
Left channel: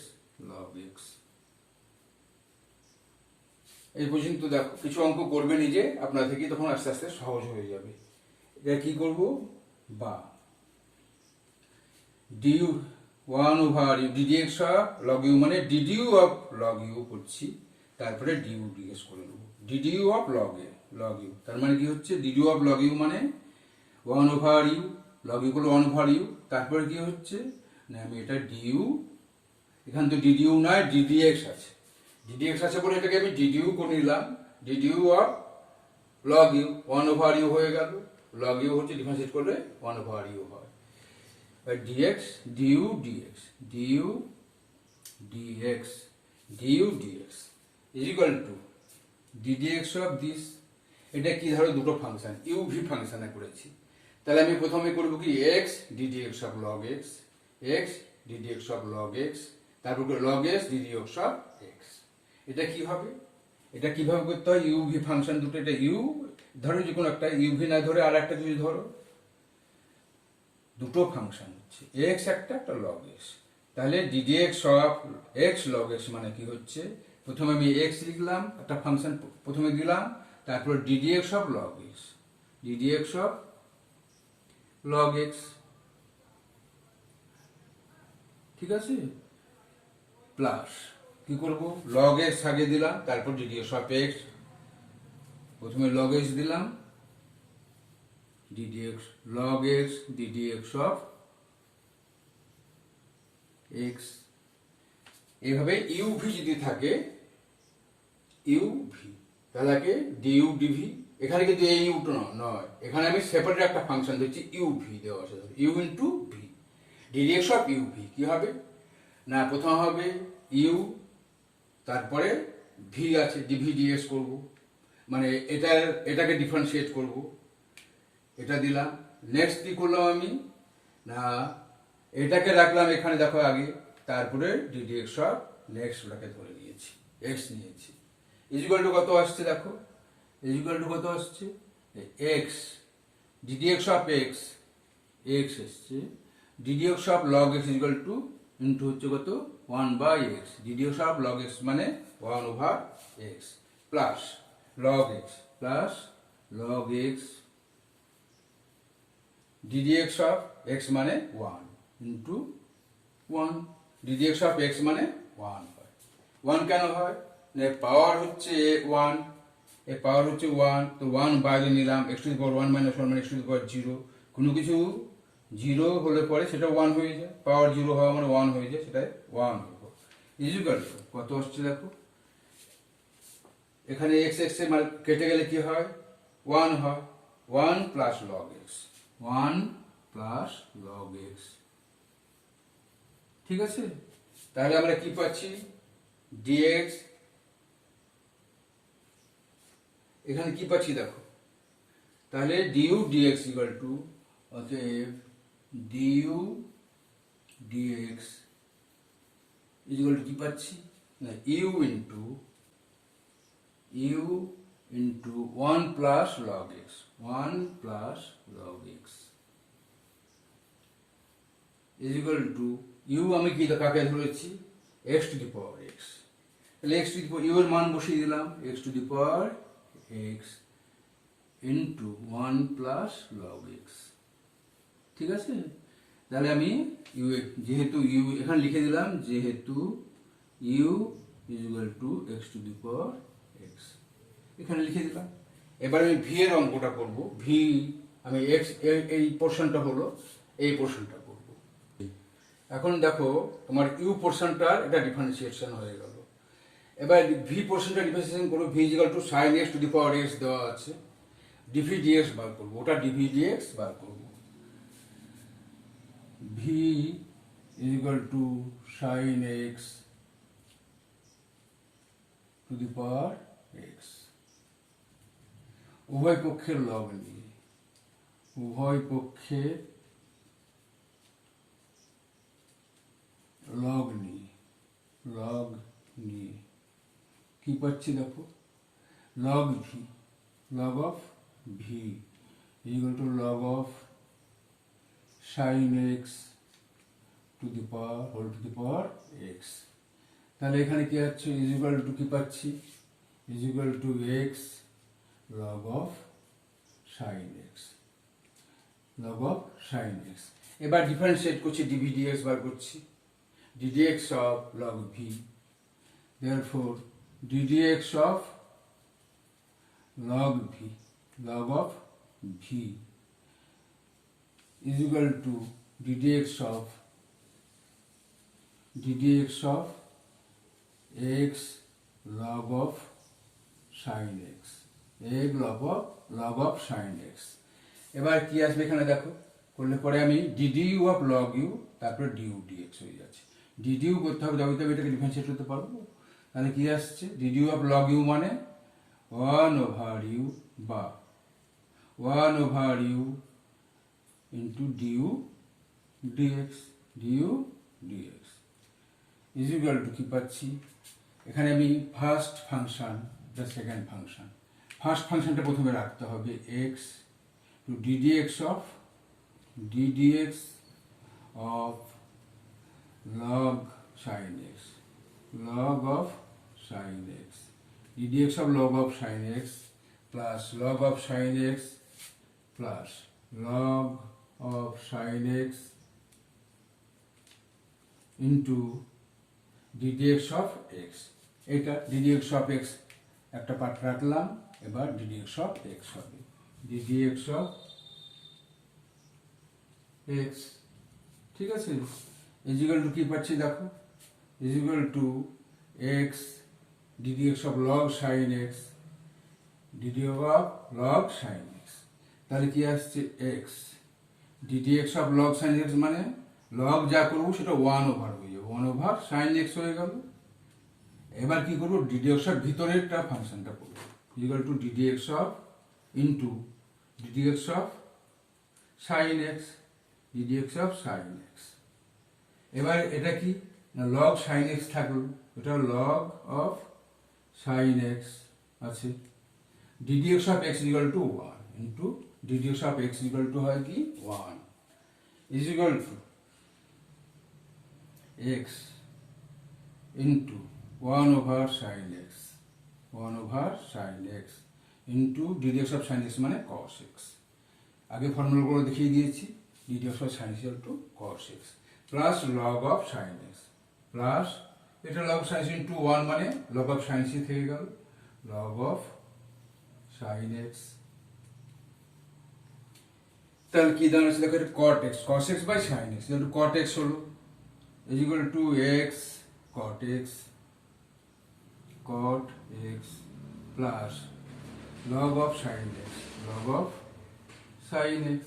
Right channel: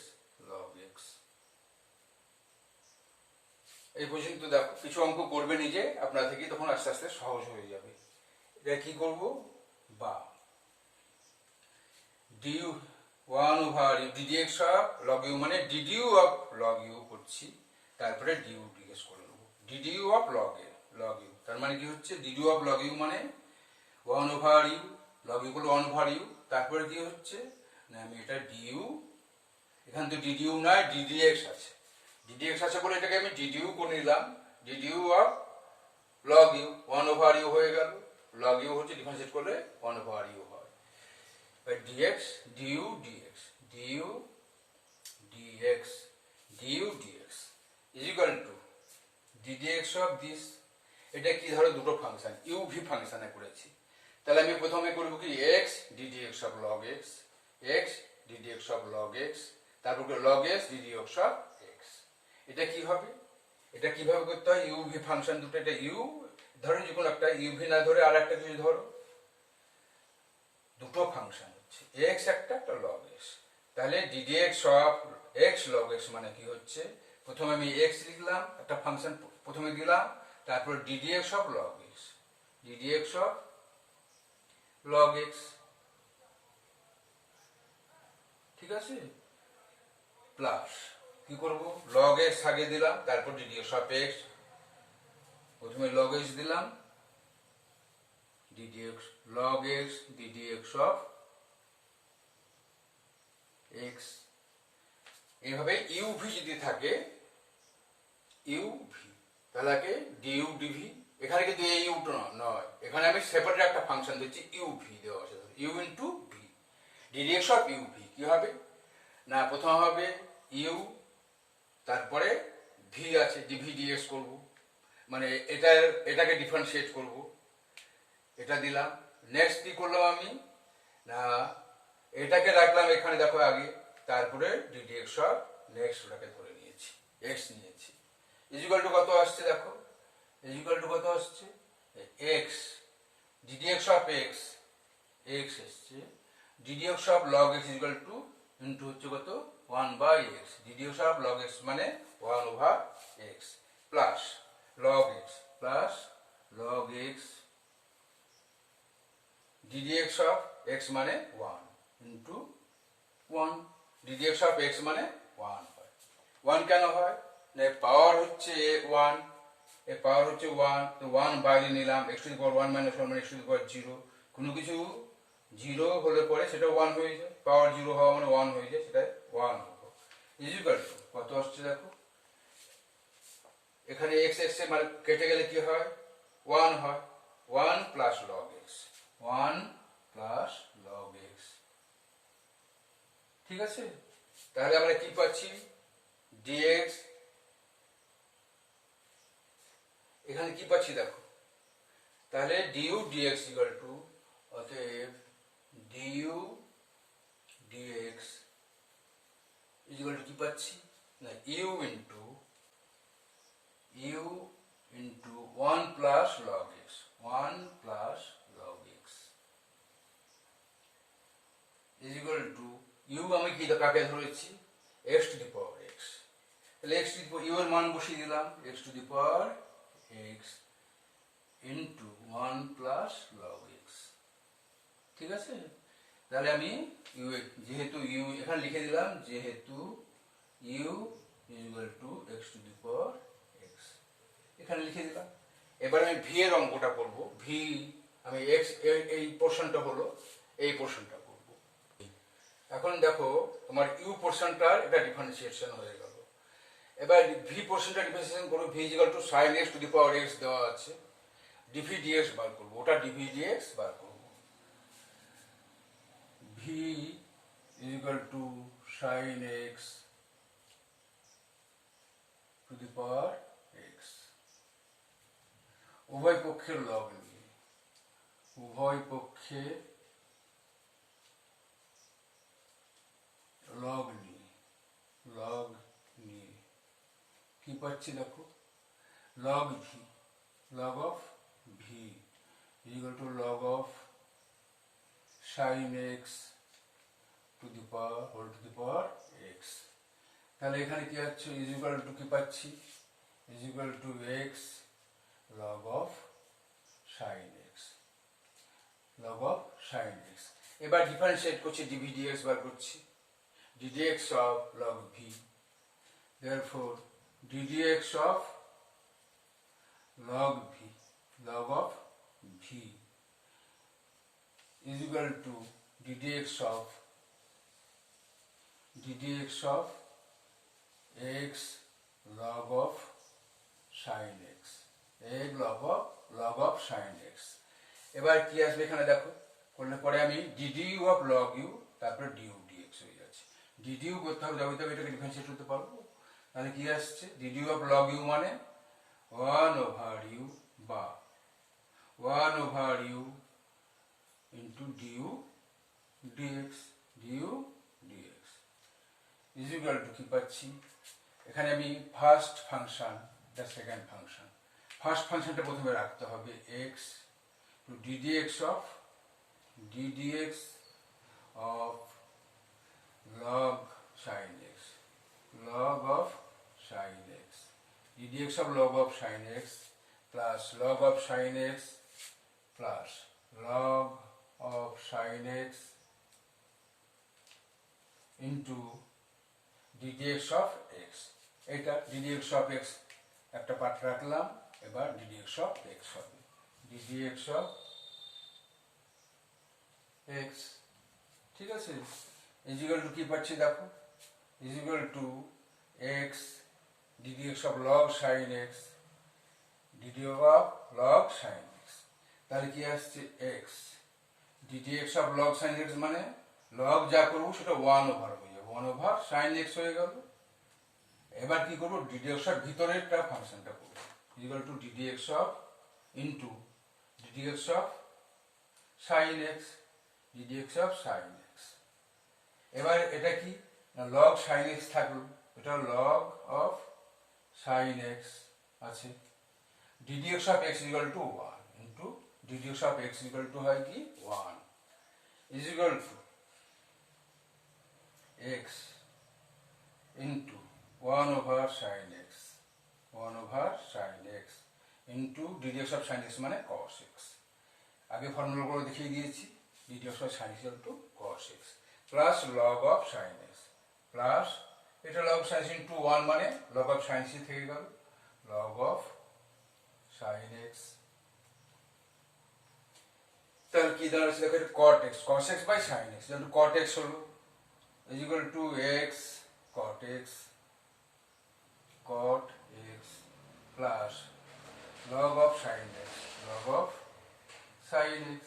log x। এই পর্যন্ত দেখো, কিছু অঙ্ক করবে নিজে আপনার থেকে, তখন আস্তে আস্তে সহজ হয়ে যাবে। এটা কি করব, বা du 1 over ddx of log u, মানে du of log u করছি, তারপরে du dx করে নেব, du of log u, তার মানে কি হচ্ছে, du of log u মানে 1 over u, log u হলো 1 over u, তারপরে কি হচ্ছে না, আমি এটা du, এখান তো du নয় ddx আছে, ddx আছে বলে এটাকে আমি du করে নিলাম, du of log u 1 over u হয়ে গেল, log u হচ্ছে ডিফারেন্সিয়েট করলে 1 over u হয়, by dx du dx is equal to ddx of this। এটা কি, ধরো দুটো ফাংশন uv ফাংশনে করেছি, তাহলে আমি প্রথমে করব কি x ddx of log x, x ddx of log x, তারপর log x ddx of x। এটা কি হবে, এটা কিভাবে করতে হয়, uv ফাংশন দুটো, এটা u ধরো, যে কোনো একটা uv না ধরে আর একটা যদি ধরো, দুটো ফাংশন হচ্ছে x একটা log x, তাহলে ddx of x log x মানে কি হচ্ছে, প্রথমে আমি x লিখলাম, একটা ফাংশন প্রথমে দিলাম, তারপর ddx of log x, ddx of log x, ঠিক আছে, প্লাস কি করব, লগ এক্স আগে দিলাম, তারপর ডিডিএক্স অফ এক্স, প্রথমে লগ এক্স দিলাম, ddx log x ddx of x. এইভাবে ইউভি যদি থাকে, ইউভি তাহলে ডিইউ ডিভি, এখানে কিন্তু এই ইউ নয়, এখানে আমি সেপারেট একটা ফাংশন দিচ্ছি ইউভি দেওয়া আছে, u into v, ddx of uv কি হবে না, প্রথম হবে ইউ, তারপরে ভি আছে ডিভি ডিএক্স করব, মানে এটাকে ডিফারেন্সিয়েট করব, এটা দিলাম। নেক্সট কি করলাম আমি না, এটাকে রাখলাম এখানে দেখো আগে, তারপরে ডিডিএক্স অফ নেক্সট ওটাকে ধরে নিয়েছি, এক্স নিয়েছি, ইজিক্যাল টু কত আসছে দেখো, ইজিক্যাল টু কত আসছে x, ddx of x, x এসছে, ddx of log x is equal to into হচ্ছে কত 1/x, ddx of log x মানে 1/x plus log x plus log x, ddx of x মানে 1 ইন্টু 1, ডিডিএক্স অফ এক্স মানে 1 হয়। 1 কেন হয় না, পাওয়ার হচ্ছে 1, এর পাওয়ার হচ্ছে 1, তো 1 বাইরে নিলাম, x two the power 1 minus 1 মানে x টু দি পাওয়ার 0, কোনো কিছু 0 হলে পরে সেটা 1 হয়ে যায়, পাওয়ার 0 হওয়া মানে 1 হয়ে যায়, সেটা 1 হলো, ইজিক্যাল টু কত আসছে দেখো, এখানে x x এর মানে কেটে গেলে কি হয় 1 হয়, 1 plus log x, 1 plus log x, ঠিক আছে। তাহলে আমরা কি পাচ্ছি dx, এখানে কি পাচ্ছি দেখো, তাহলে du dx ইকুয়াল টু, অতএব du dx ইকুয়াল টু কি পাচ্ছি না, u into 1 plus log x, 1 plus log x equal to u, আমি কি কাকে ধরেছি x to the power x, তাহলে x to the power u এর মান বসিয়ে দিলাম, x to the power x into 1 plus log x, ঠিক আছে। তাহলে আমি ইউ, যেহেতু ইউ এখানে লিখে দিলাম, যেহেতু u equal to x to the power x, এখানে লিখে দিলাম। এবার আমি ভি এর অঙ্কটা করব, ভি আমি এক্স এই পোর্শনটা হলো, এই পোর্শনটা করব। এখন দেখো তোমার ইউ পোর্শনটার এটা ডিফারেন্সিয়েশন হয়ে গেল, এবার ভি পোর্শনটা ডিফারেন্সিয়েশন করব, v equal to sine x to the power x দেওয়া আছে, ডিভি ডিএক্স বার করব, ওটা ডিভি ডিএক্স বার করব, v equal to sine x to the power x, উভয় পক্ষের লগ নিয়ে, উভয় পক্ষের লগ নিয়ে কি পাচ্ছি দেখো, log v, log of v equal to log of sine x to the power whole to the power x, তাহলে এখানে কি হচ্ছে ইকুয়াল টু কি পাচ্ছি, equal to x log of sine x, log of sine x. এবার differentiate করছি, dv dx বার করছি, ddx of log v, therefore ddx of log v, log of v is equal to ddx of x log of sin x, x log of sin x। এবার কি আসবে এখানে দেখো, করলে পরে আমি du of log u, তারপরে du dx হয়ে যাচ্ছে, ডিডিউ করতে হবে, তবে এটাকে ডিফারেন্সিয়েট করতে পারবো। তাহলে কি আসছে, ডিডিউ অফ লগ ইউ মানে 1 ওভার ইউ বা 1 over u into du dx, du dx is equal to কি পাচ্ছি, এখানে আমি ফার্স্ট ফাংশন, এটা সেকেন্ড ফাংশন, ফার্স্ট ফাংশনটা প্রথমে রাখতে হবে x to ddx of log sin x, log of sin x, ddx of log of sin x plus log of sin x plus log of sin x into ddx of x. এটা ddx of x একটা part রাখলাম, এবার ddx of x হবে ddx of x. ঠিক আছে, equal to কি পাচ্ছি দেখো, equal to x ddx of log sine x ddx of log sine x. তাহলে কি আসছে x ddx of log sine x, মানে লগ যা করবো সেটা 1/, হয়ে যাবে 1/, সাইন এক্স হয়ে গেল। এবার কি করবো, ডিডিএক্স অফ ভিতরেরটা ফাংশনটা করবো, equal to ddx of into ddx of sine x ddx of sine x. এবার এটা কি না, লগ সাইন এক্স থাকলো, এটা লগ অফ সাইন এক্স আছে, ddx of x equal to 1 into ddx of x equal two হয় কি 1 is equal to x into 1/sin x 1/sin x into ddx of sine x মানে cos x। আগে ফর্মুলাগুলো দেখিয়ে দিয়েছি, ddx of sine x to cos x plus log of sine x plus এটা log sine x into 1 মানে log of sine x থেকে গেল log of sine x. তাহলে কি দাঁড়াচ্ছে দেখো, এটা cos x by sine x, যেহেতু cot x হলো is equal to x cot x plus log of sin x log of sin x।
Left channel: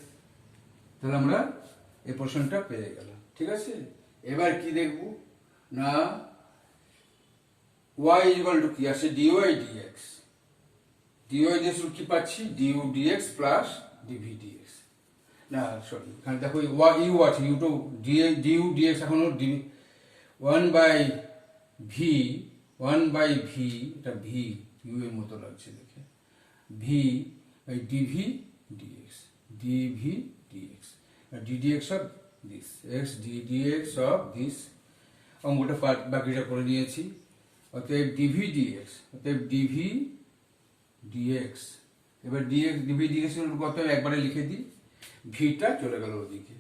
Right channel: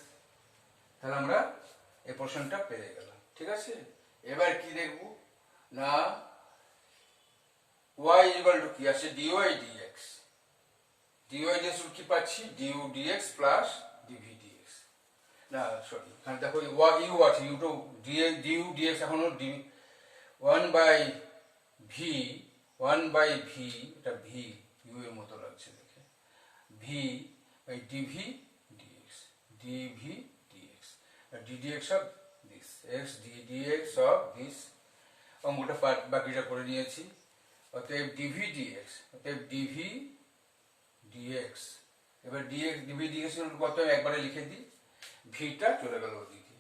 তাহলে আমরা এই পোর্শনটা পেয়ে গেলাম। ঠিক আছে, এবার কি দেখব না, y is equal to কি আসে dy dx, dy dx কি পাচ্ছি du dx plus dv dx। না সরি, এখানে দেখো ইউ আছে, ইউ টু ডিউ ডিএক্স এখনো ডি 1/v এটা ভি ইউ এর মতো লাগছে দেখে, v by dv dx dv dx ddx of this x ddx of this. অঙ্কটা বাকিটা করে নিয়েছি, অতএব ডিভি ডিএক্স, অতএব ডিভি ডিএক্স। এবার ডিএক্স ডিভি ডিএক্স কত একবারে লিখে দিই, ভিটা চলে গেল ওদিকে,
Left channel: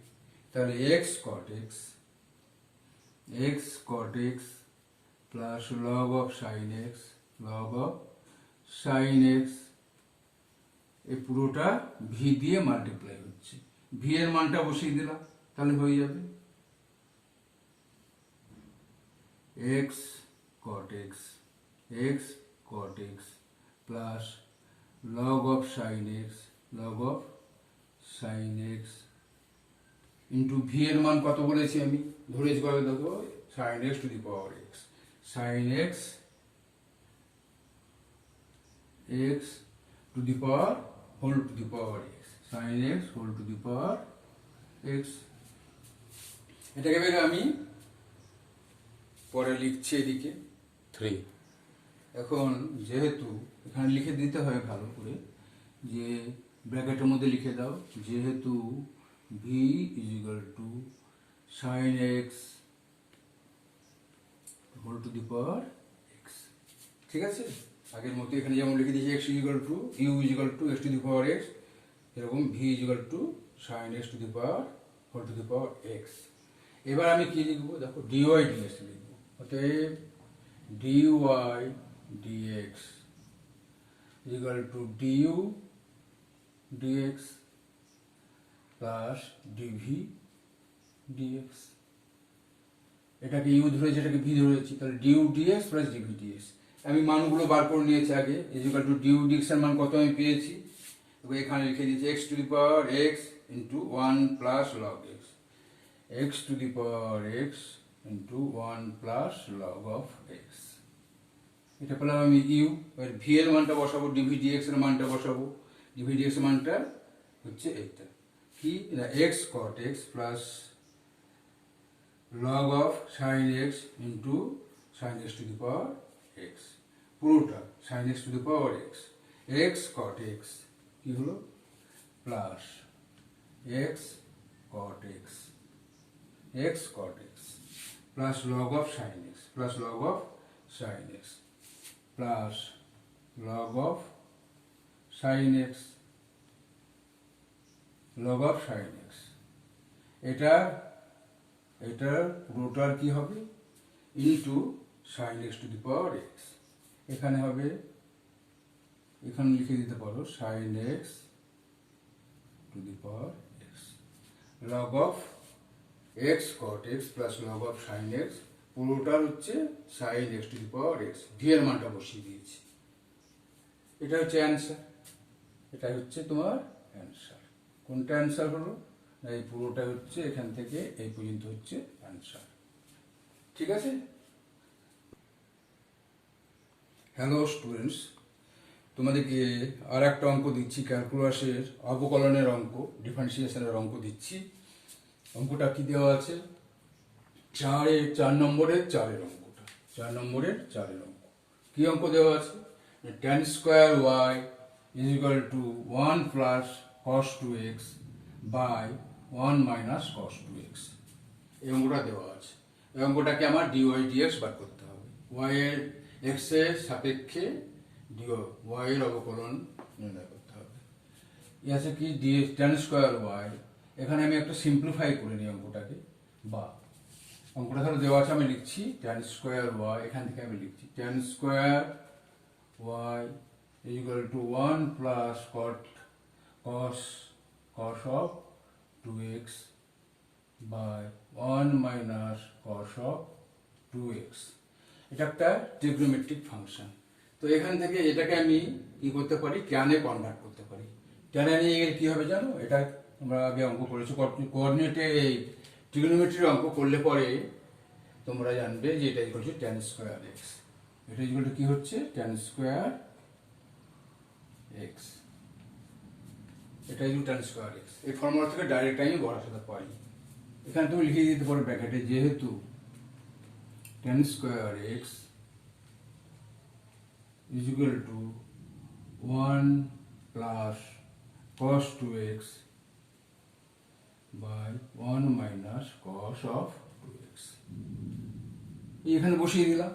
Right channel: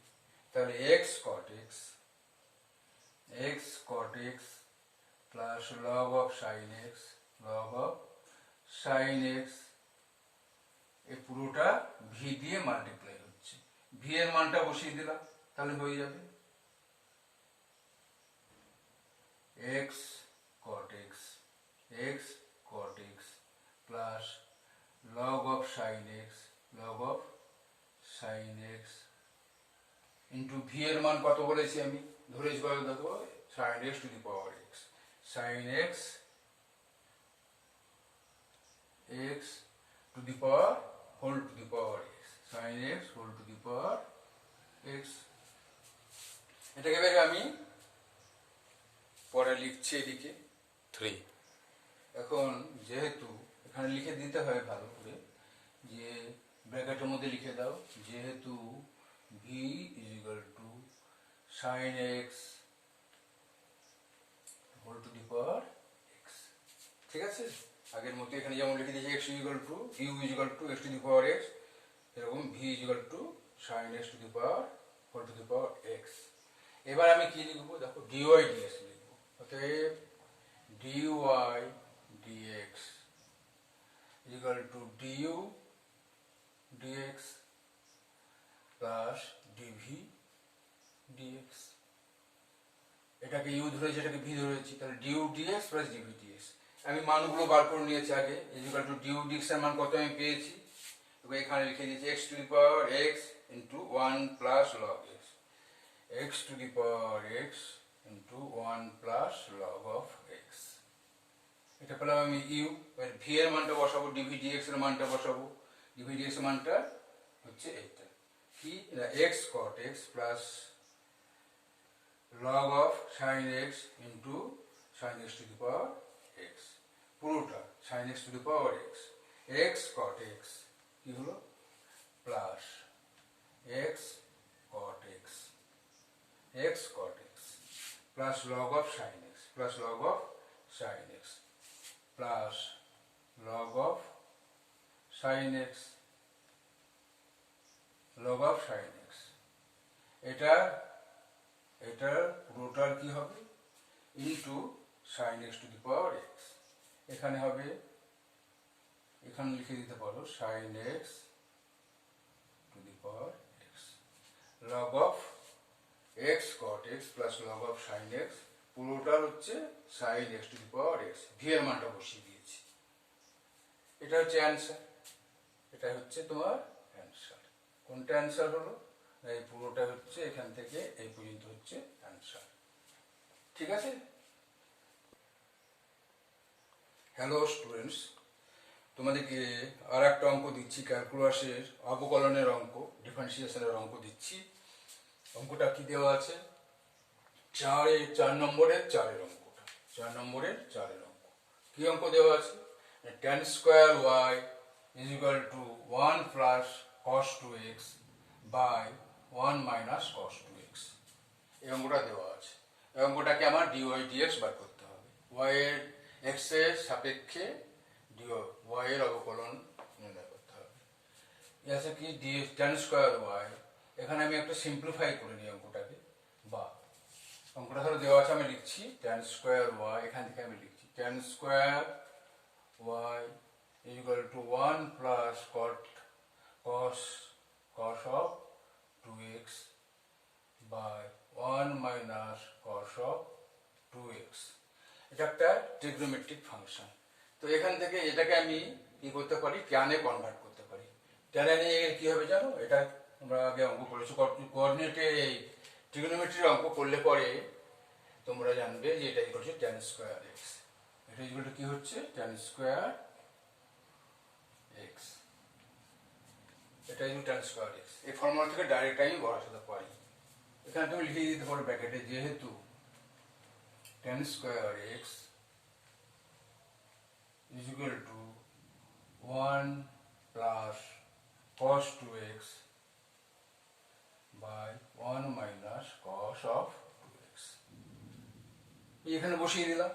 তাহলে x cot x plus log of sine x log of sine x, এই পুরোটা ভি দিয়ে মাল্টিপ্লাই হচ্ছে, ভি এর মানটা বসিয়ে দিলাম তাহলে হয়ে যাবে x cot x plus log of sine x log of sine x into v এর মান কত বলেছি আমি, ধরেছি কত দেখো, sine x to the power x, sine x x to the power whole to the power x, sine x whole to the power x. এটাকে এবার আমি পরে লিখছি এদিকে 3। এখন যেহেতু এখানে লিখে দিতে হয় ভালো করে, যে ব্র্যাকেটের মধ্যে লিখে দাও, যেহেতু v is equal to sine x whole to the power x. ঠিক আছে, আগের মতো এখানে যেমন লিখে দিয়েছি x is equal to u is equal to x to the power x, এরকম v is equal to sine x to the power whole to the power x. এবার আমি কি লিখবো দেখো, ডিওয়াই ডিএক্স লিখবো, অতএব dy dx is equal to du dx plus dv dx. এটাকে u ধরেছি, এটাকে ভি ধরেছি, তাহলে du dx plus dv dx. আমি মানগুলো বার করে নিয়েছি আগে, ইকুয়াল টু ডিউ ডিএক্স এর মান কত আমি পেয়েছি, এখানে লিখে দিয়েছি x to the power x into 1 plus log x, x to the power x into 1 plus log of x. এটা পেলাম আমি ইউ। এবার ভি এর মানটা বসাবো, ডিভি ডিএক্স এর মানটা বসাবো, ডিভি ডিএক্স এর মানটা হচ্ছে এটা কি, x cot x plus log of sine x into sine x to the power x, পুরোটা sine x to the power x, x cot x কি হলো plus x cot x plus log of sine x plus log of sine x plus log of sine x log of sin x। এটা এটার পুরোটার কি হবে into sine x to the power x. এখানে হবে, এখানে লিখে দিতে পারো sine x to the power x, log of x cot x plus log of sine x, পুরোটার হচ্ছে sine x to the power x. V এর মানটা বসিয়ে দিয়েছি। এটা হচ্ছে অ্যান্সার, এটা হচ্ছে তোমার অ্যান্সার। কোনটা অ্যান্সার হলো? এই পুরোটা হচ্ছে এখান থেকে এই পর্যন্ত হচ্ছে অ্যান্সার। ঠিক আছে? হ্যালো স্টুডেন্টস, তোমাদেরকে আর একটা অঙ্ক দিচ্ছি, ক্যালকুলাসের অবকলনের অঙ্ক, ডিফারেন্সিয়েশনের অঙ্ক দিচ্ছি। অঙ্কটা কি দেওয়া আছে? 4 নম্বরের 4 অঙ্কটা, 4 নম্বরের 4 অঙ্ক। কি অঙ্ক দেওয়া আছে? tan square y is equal to 1 plus cos 2x by 1 minus cos 2x। এই অঙ্কটা দেওয়া আছে। এই অঙ্কটাকে আমার ডিওয়াই ডিএক্স বার করতে হবে। ওয়াই এর এক্স এর সাপেক্ষে ওয়াই এর অবকলন নির্ণয় করতে হবে। এই আছে কি tan স্কোয়ার ওয়াই। এখানে আমি একটা সিম্পলিফাই করে নিই অঙ্কটাকে, বা অঙ্কটা ধরো দেওয়া আছে, আমি লিখছি tan স্কোয়ার ওয়াই। এখান থেকে আমি লিখছি tan square y is equal to 1 plus cos of 2x by 1 minus cos of 2x। এটা একটা ট্রিগনোমেট্রিক ফাংশন। তো এখান থেকে এটাকে আমি কি করতে পারি? ট্যানে কনভার্ট করতে পারি। ট্যানে নিয়ে কি হবে জানো? এটা আমরা আগে অঙ্ক করেছি, কোঅর্ডিনেটে এই ট্রিগনোমেট্রির অঙ্ক করলে পরে তোমরা জানবে যে এটা equal to tan square x। এটা ইকুয়াল টু কি হচ্ছে? tan square x। এটা ইকুয়াল tan স্কয়ার x। এই ফর্মুলা থেকে ডাইরেক্ট আমি বসাতে পারি। এখানে তুমি লিখে দিতে পারো ব্র্যাকেটে, যেহেতু tan square x is equal to 1 plus cos 2x by 1 minus cos of 2x। এখানে বসিয়ে দিলাম,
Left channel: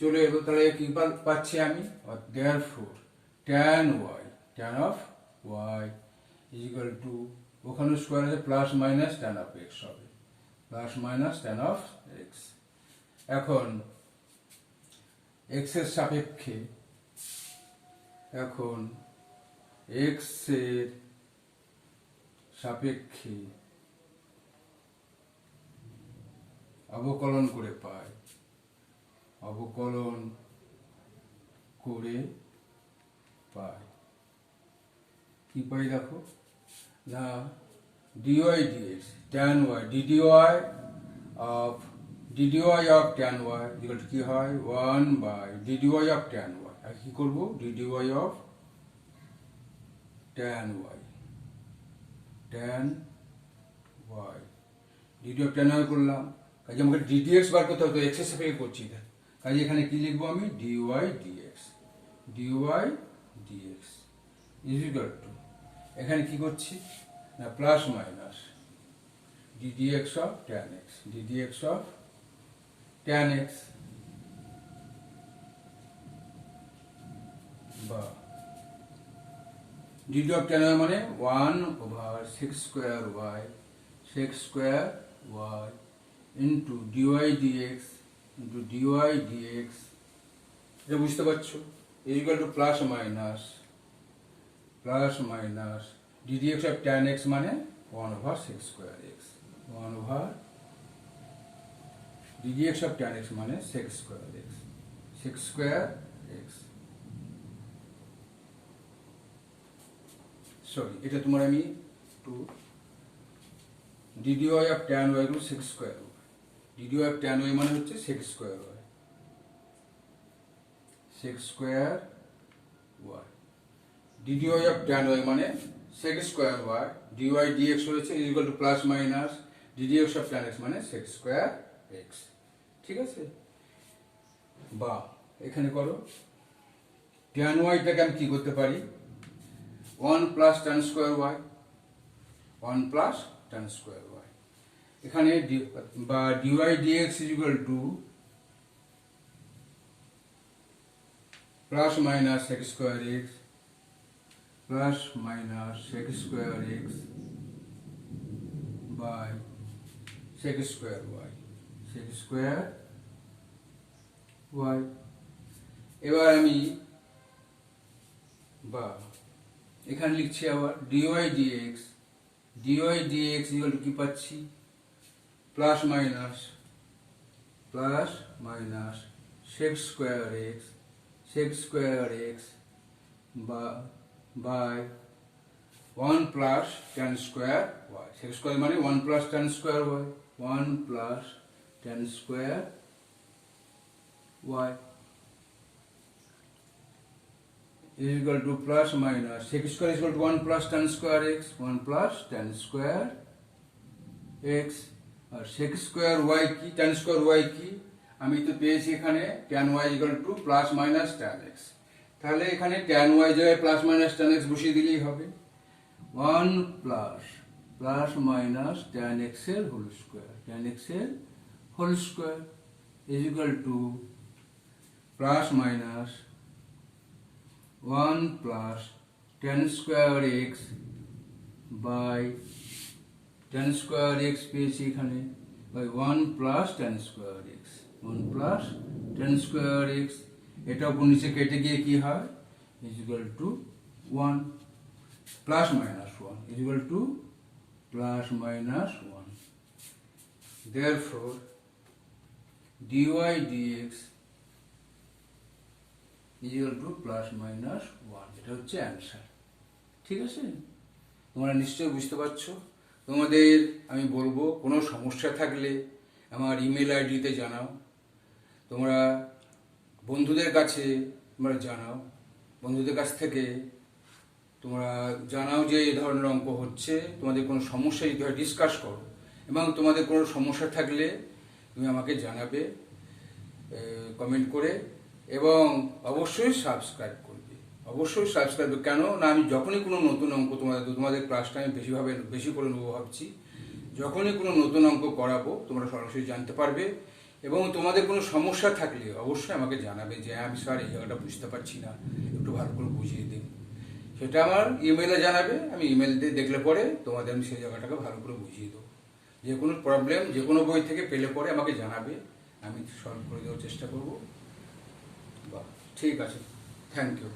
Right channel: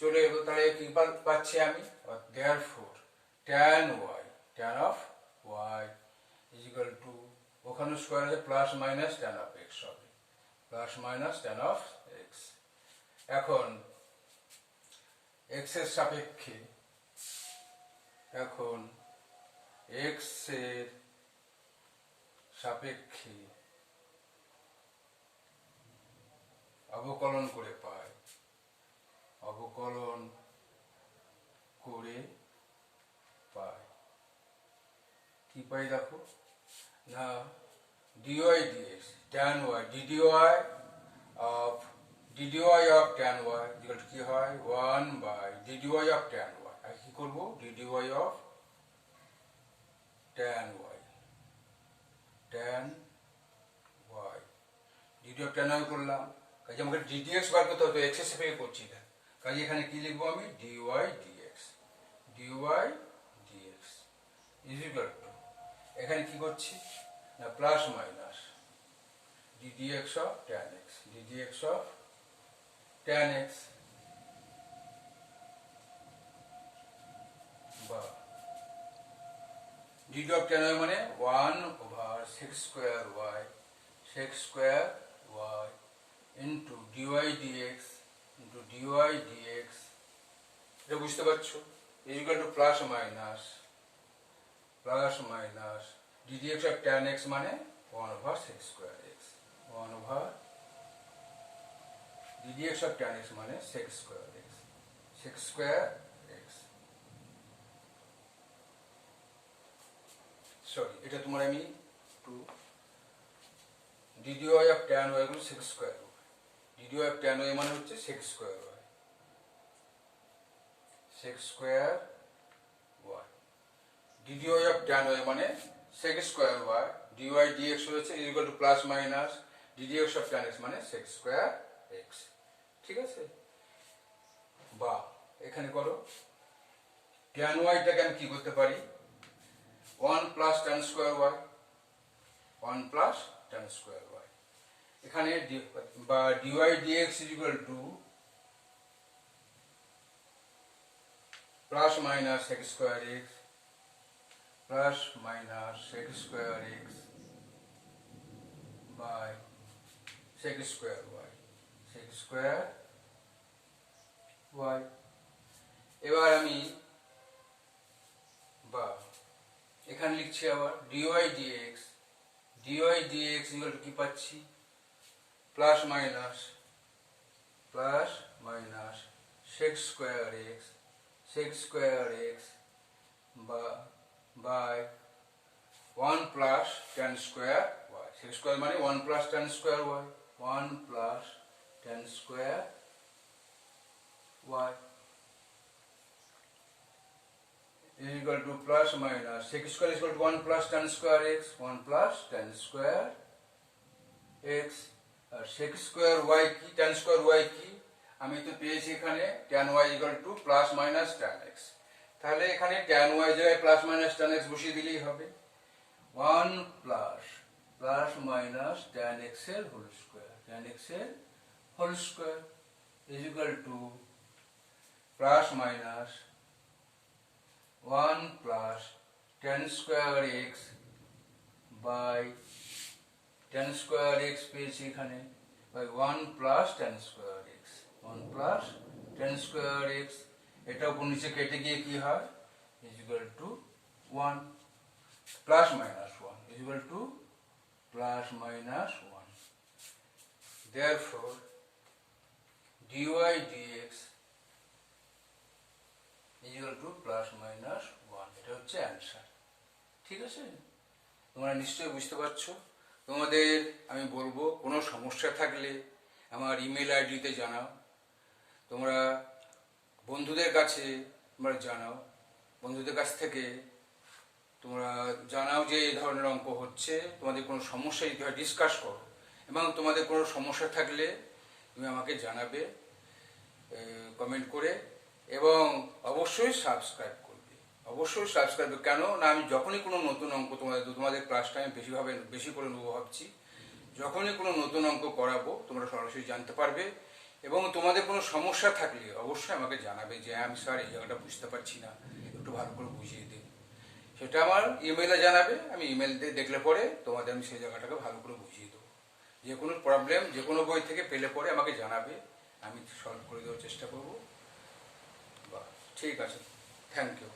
চলে এলো। তাহলে কি পাচ্ছি আমি? therefore tan y, tan of y is equal to, ওখানে স্কোয়ার আছে, plus minus tan of x হবে, plus minus tan of x। এখন x এর সাপেক্ষে, এখন x এর সাপেক্ষে অবকলন করে পাই, অবকলন করে পাই কি পাই দেখো না, dy dx tan y dy of tan y equal to কি হয়? 1 by dy of tan y। আর কি করব? dy of tan y, tan y, dy of tan y করলাম। কাজে আমাকে ddx বার করতে হবে, x এর সাপেক্ষে করছি না। কাজে এখানে কি লিখবো আমি? dy dx, dy dx is equal to, এখানে কি করছি না, plus minus ddx of tan x, ddx of tan x, বা dd of tan y মানে 1 over sec square y, sec square y into dy dx into dy dx। এটা বুঝতে পারছো? is equal to plus minus ddx of tan x মানে 1 over sec square x, 1 over ddx of tan x মানে sec square x, sec square x। Sorry, এটা তোমার আমি two dy of tan y গুলো sec square, dy of tan y মানে হচ্ছে sec square y, sec square y, dy of tan y মানে sec square y, dy dx হয়েছে is equal to plus minus ddx of tan x মানে sec square x। ঠিক আছে? বা এখানে করো tan y টাকে আমি কি করতে পারি? 1 plus tan square y, 1 plus tan square y। এখানে বা dy dx is equal to plus মাইনাস sec square x, প্লাস মাইনাস sec square x by sec square y, sec square y। এবার আমি বা এখানে লিখছি আবার dy dx, dy dx equal to কি পাচ্ছি, প্লাস মাইনাস sec square x বা বাই 1 প্লাস tan square y, sec square মানে 1 প্লাস tan স্কোয়ার y, 1 প্লাস tan square y is equal to plus minus sec square is equal to 1 plus tan square x, 1 plus tan square x, আর sec square y কি, tan square y কি, আমি তো পেয়েছি এখানে tan y is equal to plus minus tan x, তাহলে এখানে tan y জায়গায় plus minus tan x বসিয়ে দিলেই হবে, 1 plus minus tan x এর হোল স্কয়ার, tan x এর whole square is equal to plus minus 1 plus tan square x by tan square x পেয়েছি এখানে by 1 plus tan square x, 1 plus tan square x, এটা উপর নিচে কেটে গিয়ে কি হয় is equal to 1 plus minus 1 is equal to plus minus 1, therefore dy dx is equal to plus minus 1, এটা হচ্ছে অ্যান্সার। ঠিক আছে, তোমরা নিশ্চয়ই বুঝতে পারছো। তোমাদের আমি বলবো কোনো সমস্যা থাকলে আমার ইমেল আইডিতে জানাও, তোমরা বন্ধুদের কাছে তোমরা জানাও, বন্ধুদের কাছ থেকে তোমরা জানাও যে এই ধরনের অঙ্ক হচ্ছে, তোমাদের কোনো সমস্যা যদি হয় ডিসকাস করো, এবং তোমাদের কোনো সমস্যা থাকলে তুমি আমাকে জানাবে কমেন্ট করে, এবং অবশ্যই সাবস্ক্রাইব করবে, অবশ্যই সাবস্ক্রাইব। কেন না, আমি যখনই কোনো নতুন অঙ্ক তোমাদের ক্লাসটা আমি বেশি করে নেবো ভাবছি, যখনই কোনো নতুন অঙ্ক করাবো তোমরা সরাসরি জানতে পারবে, এবং তোমাদের কোনো সমস্যা থাকলে অবশ্যই আমাকে জানাবে যে আমি স্যার এই জায়গাটা বুঝতে পারছি না, একটু ভালো করে বুঝিয়ে দিন, সেটা আমার ইমেলে জানাবে, আমি ইমেল দিয়ে দেখলে পরে তোমাদের আমি সেই জায়গাটাকে ভালো করে বুঝিয়ে দেবো। যে কোনো প্রবলেম যে কোনো বই থেকে পেলে পরে আমাকে জানাবে, আমি সলভ করে দেওয়ার চেষ্টা করবো। ঠিক আছে, থ্যাংক ইউ।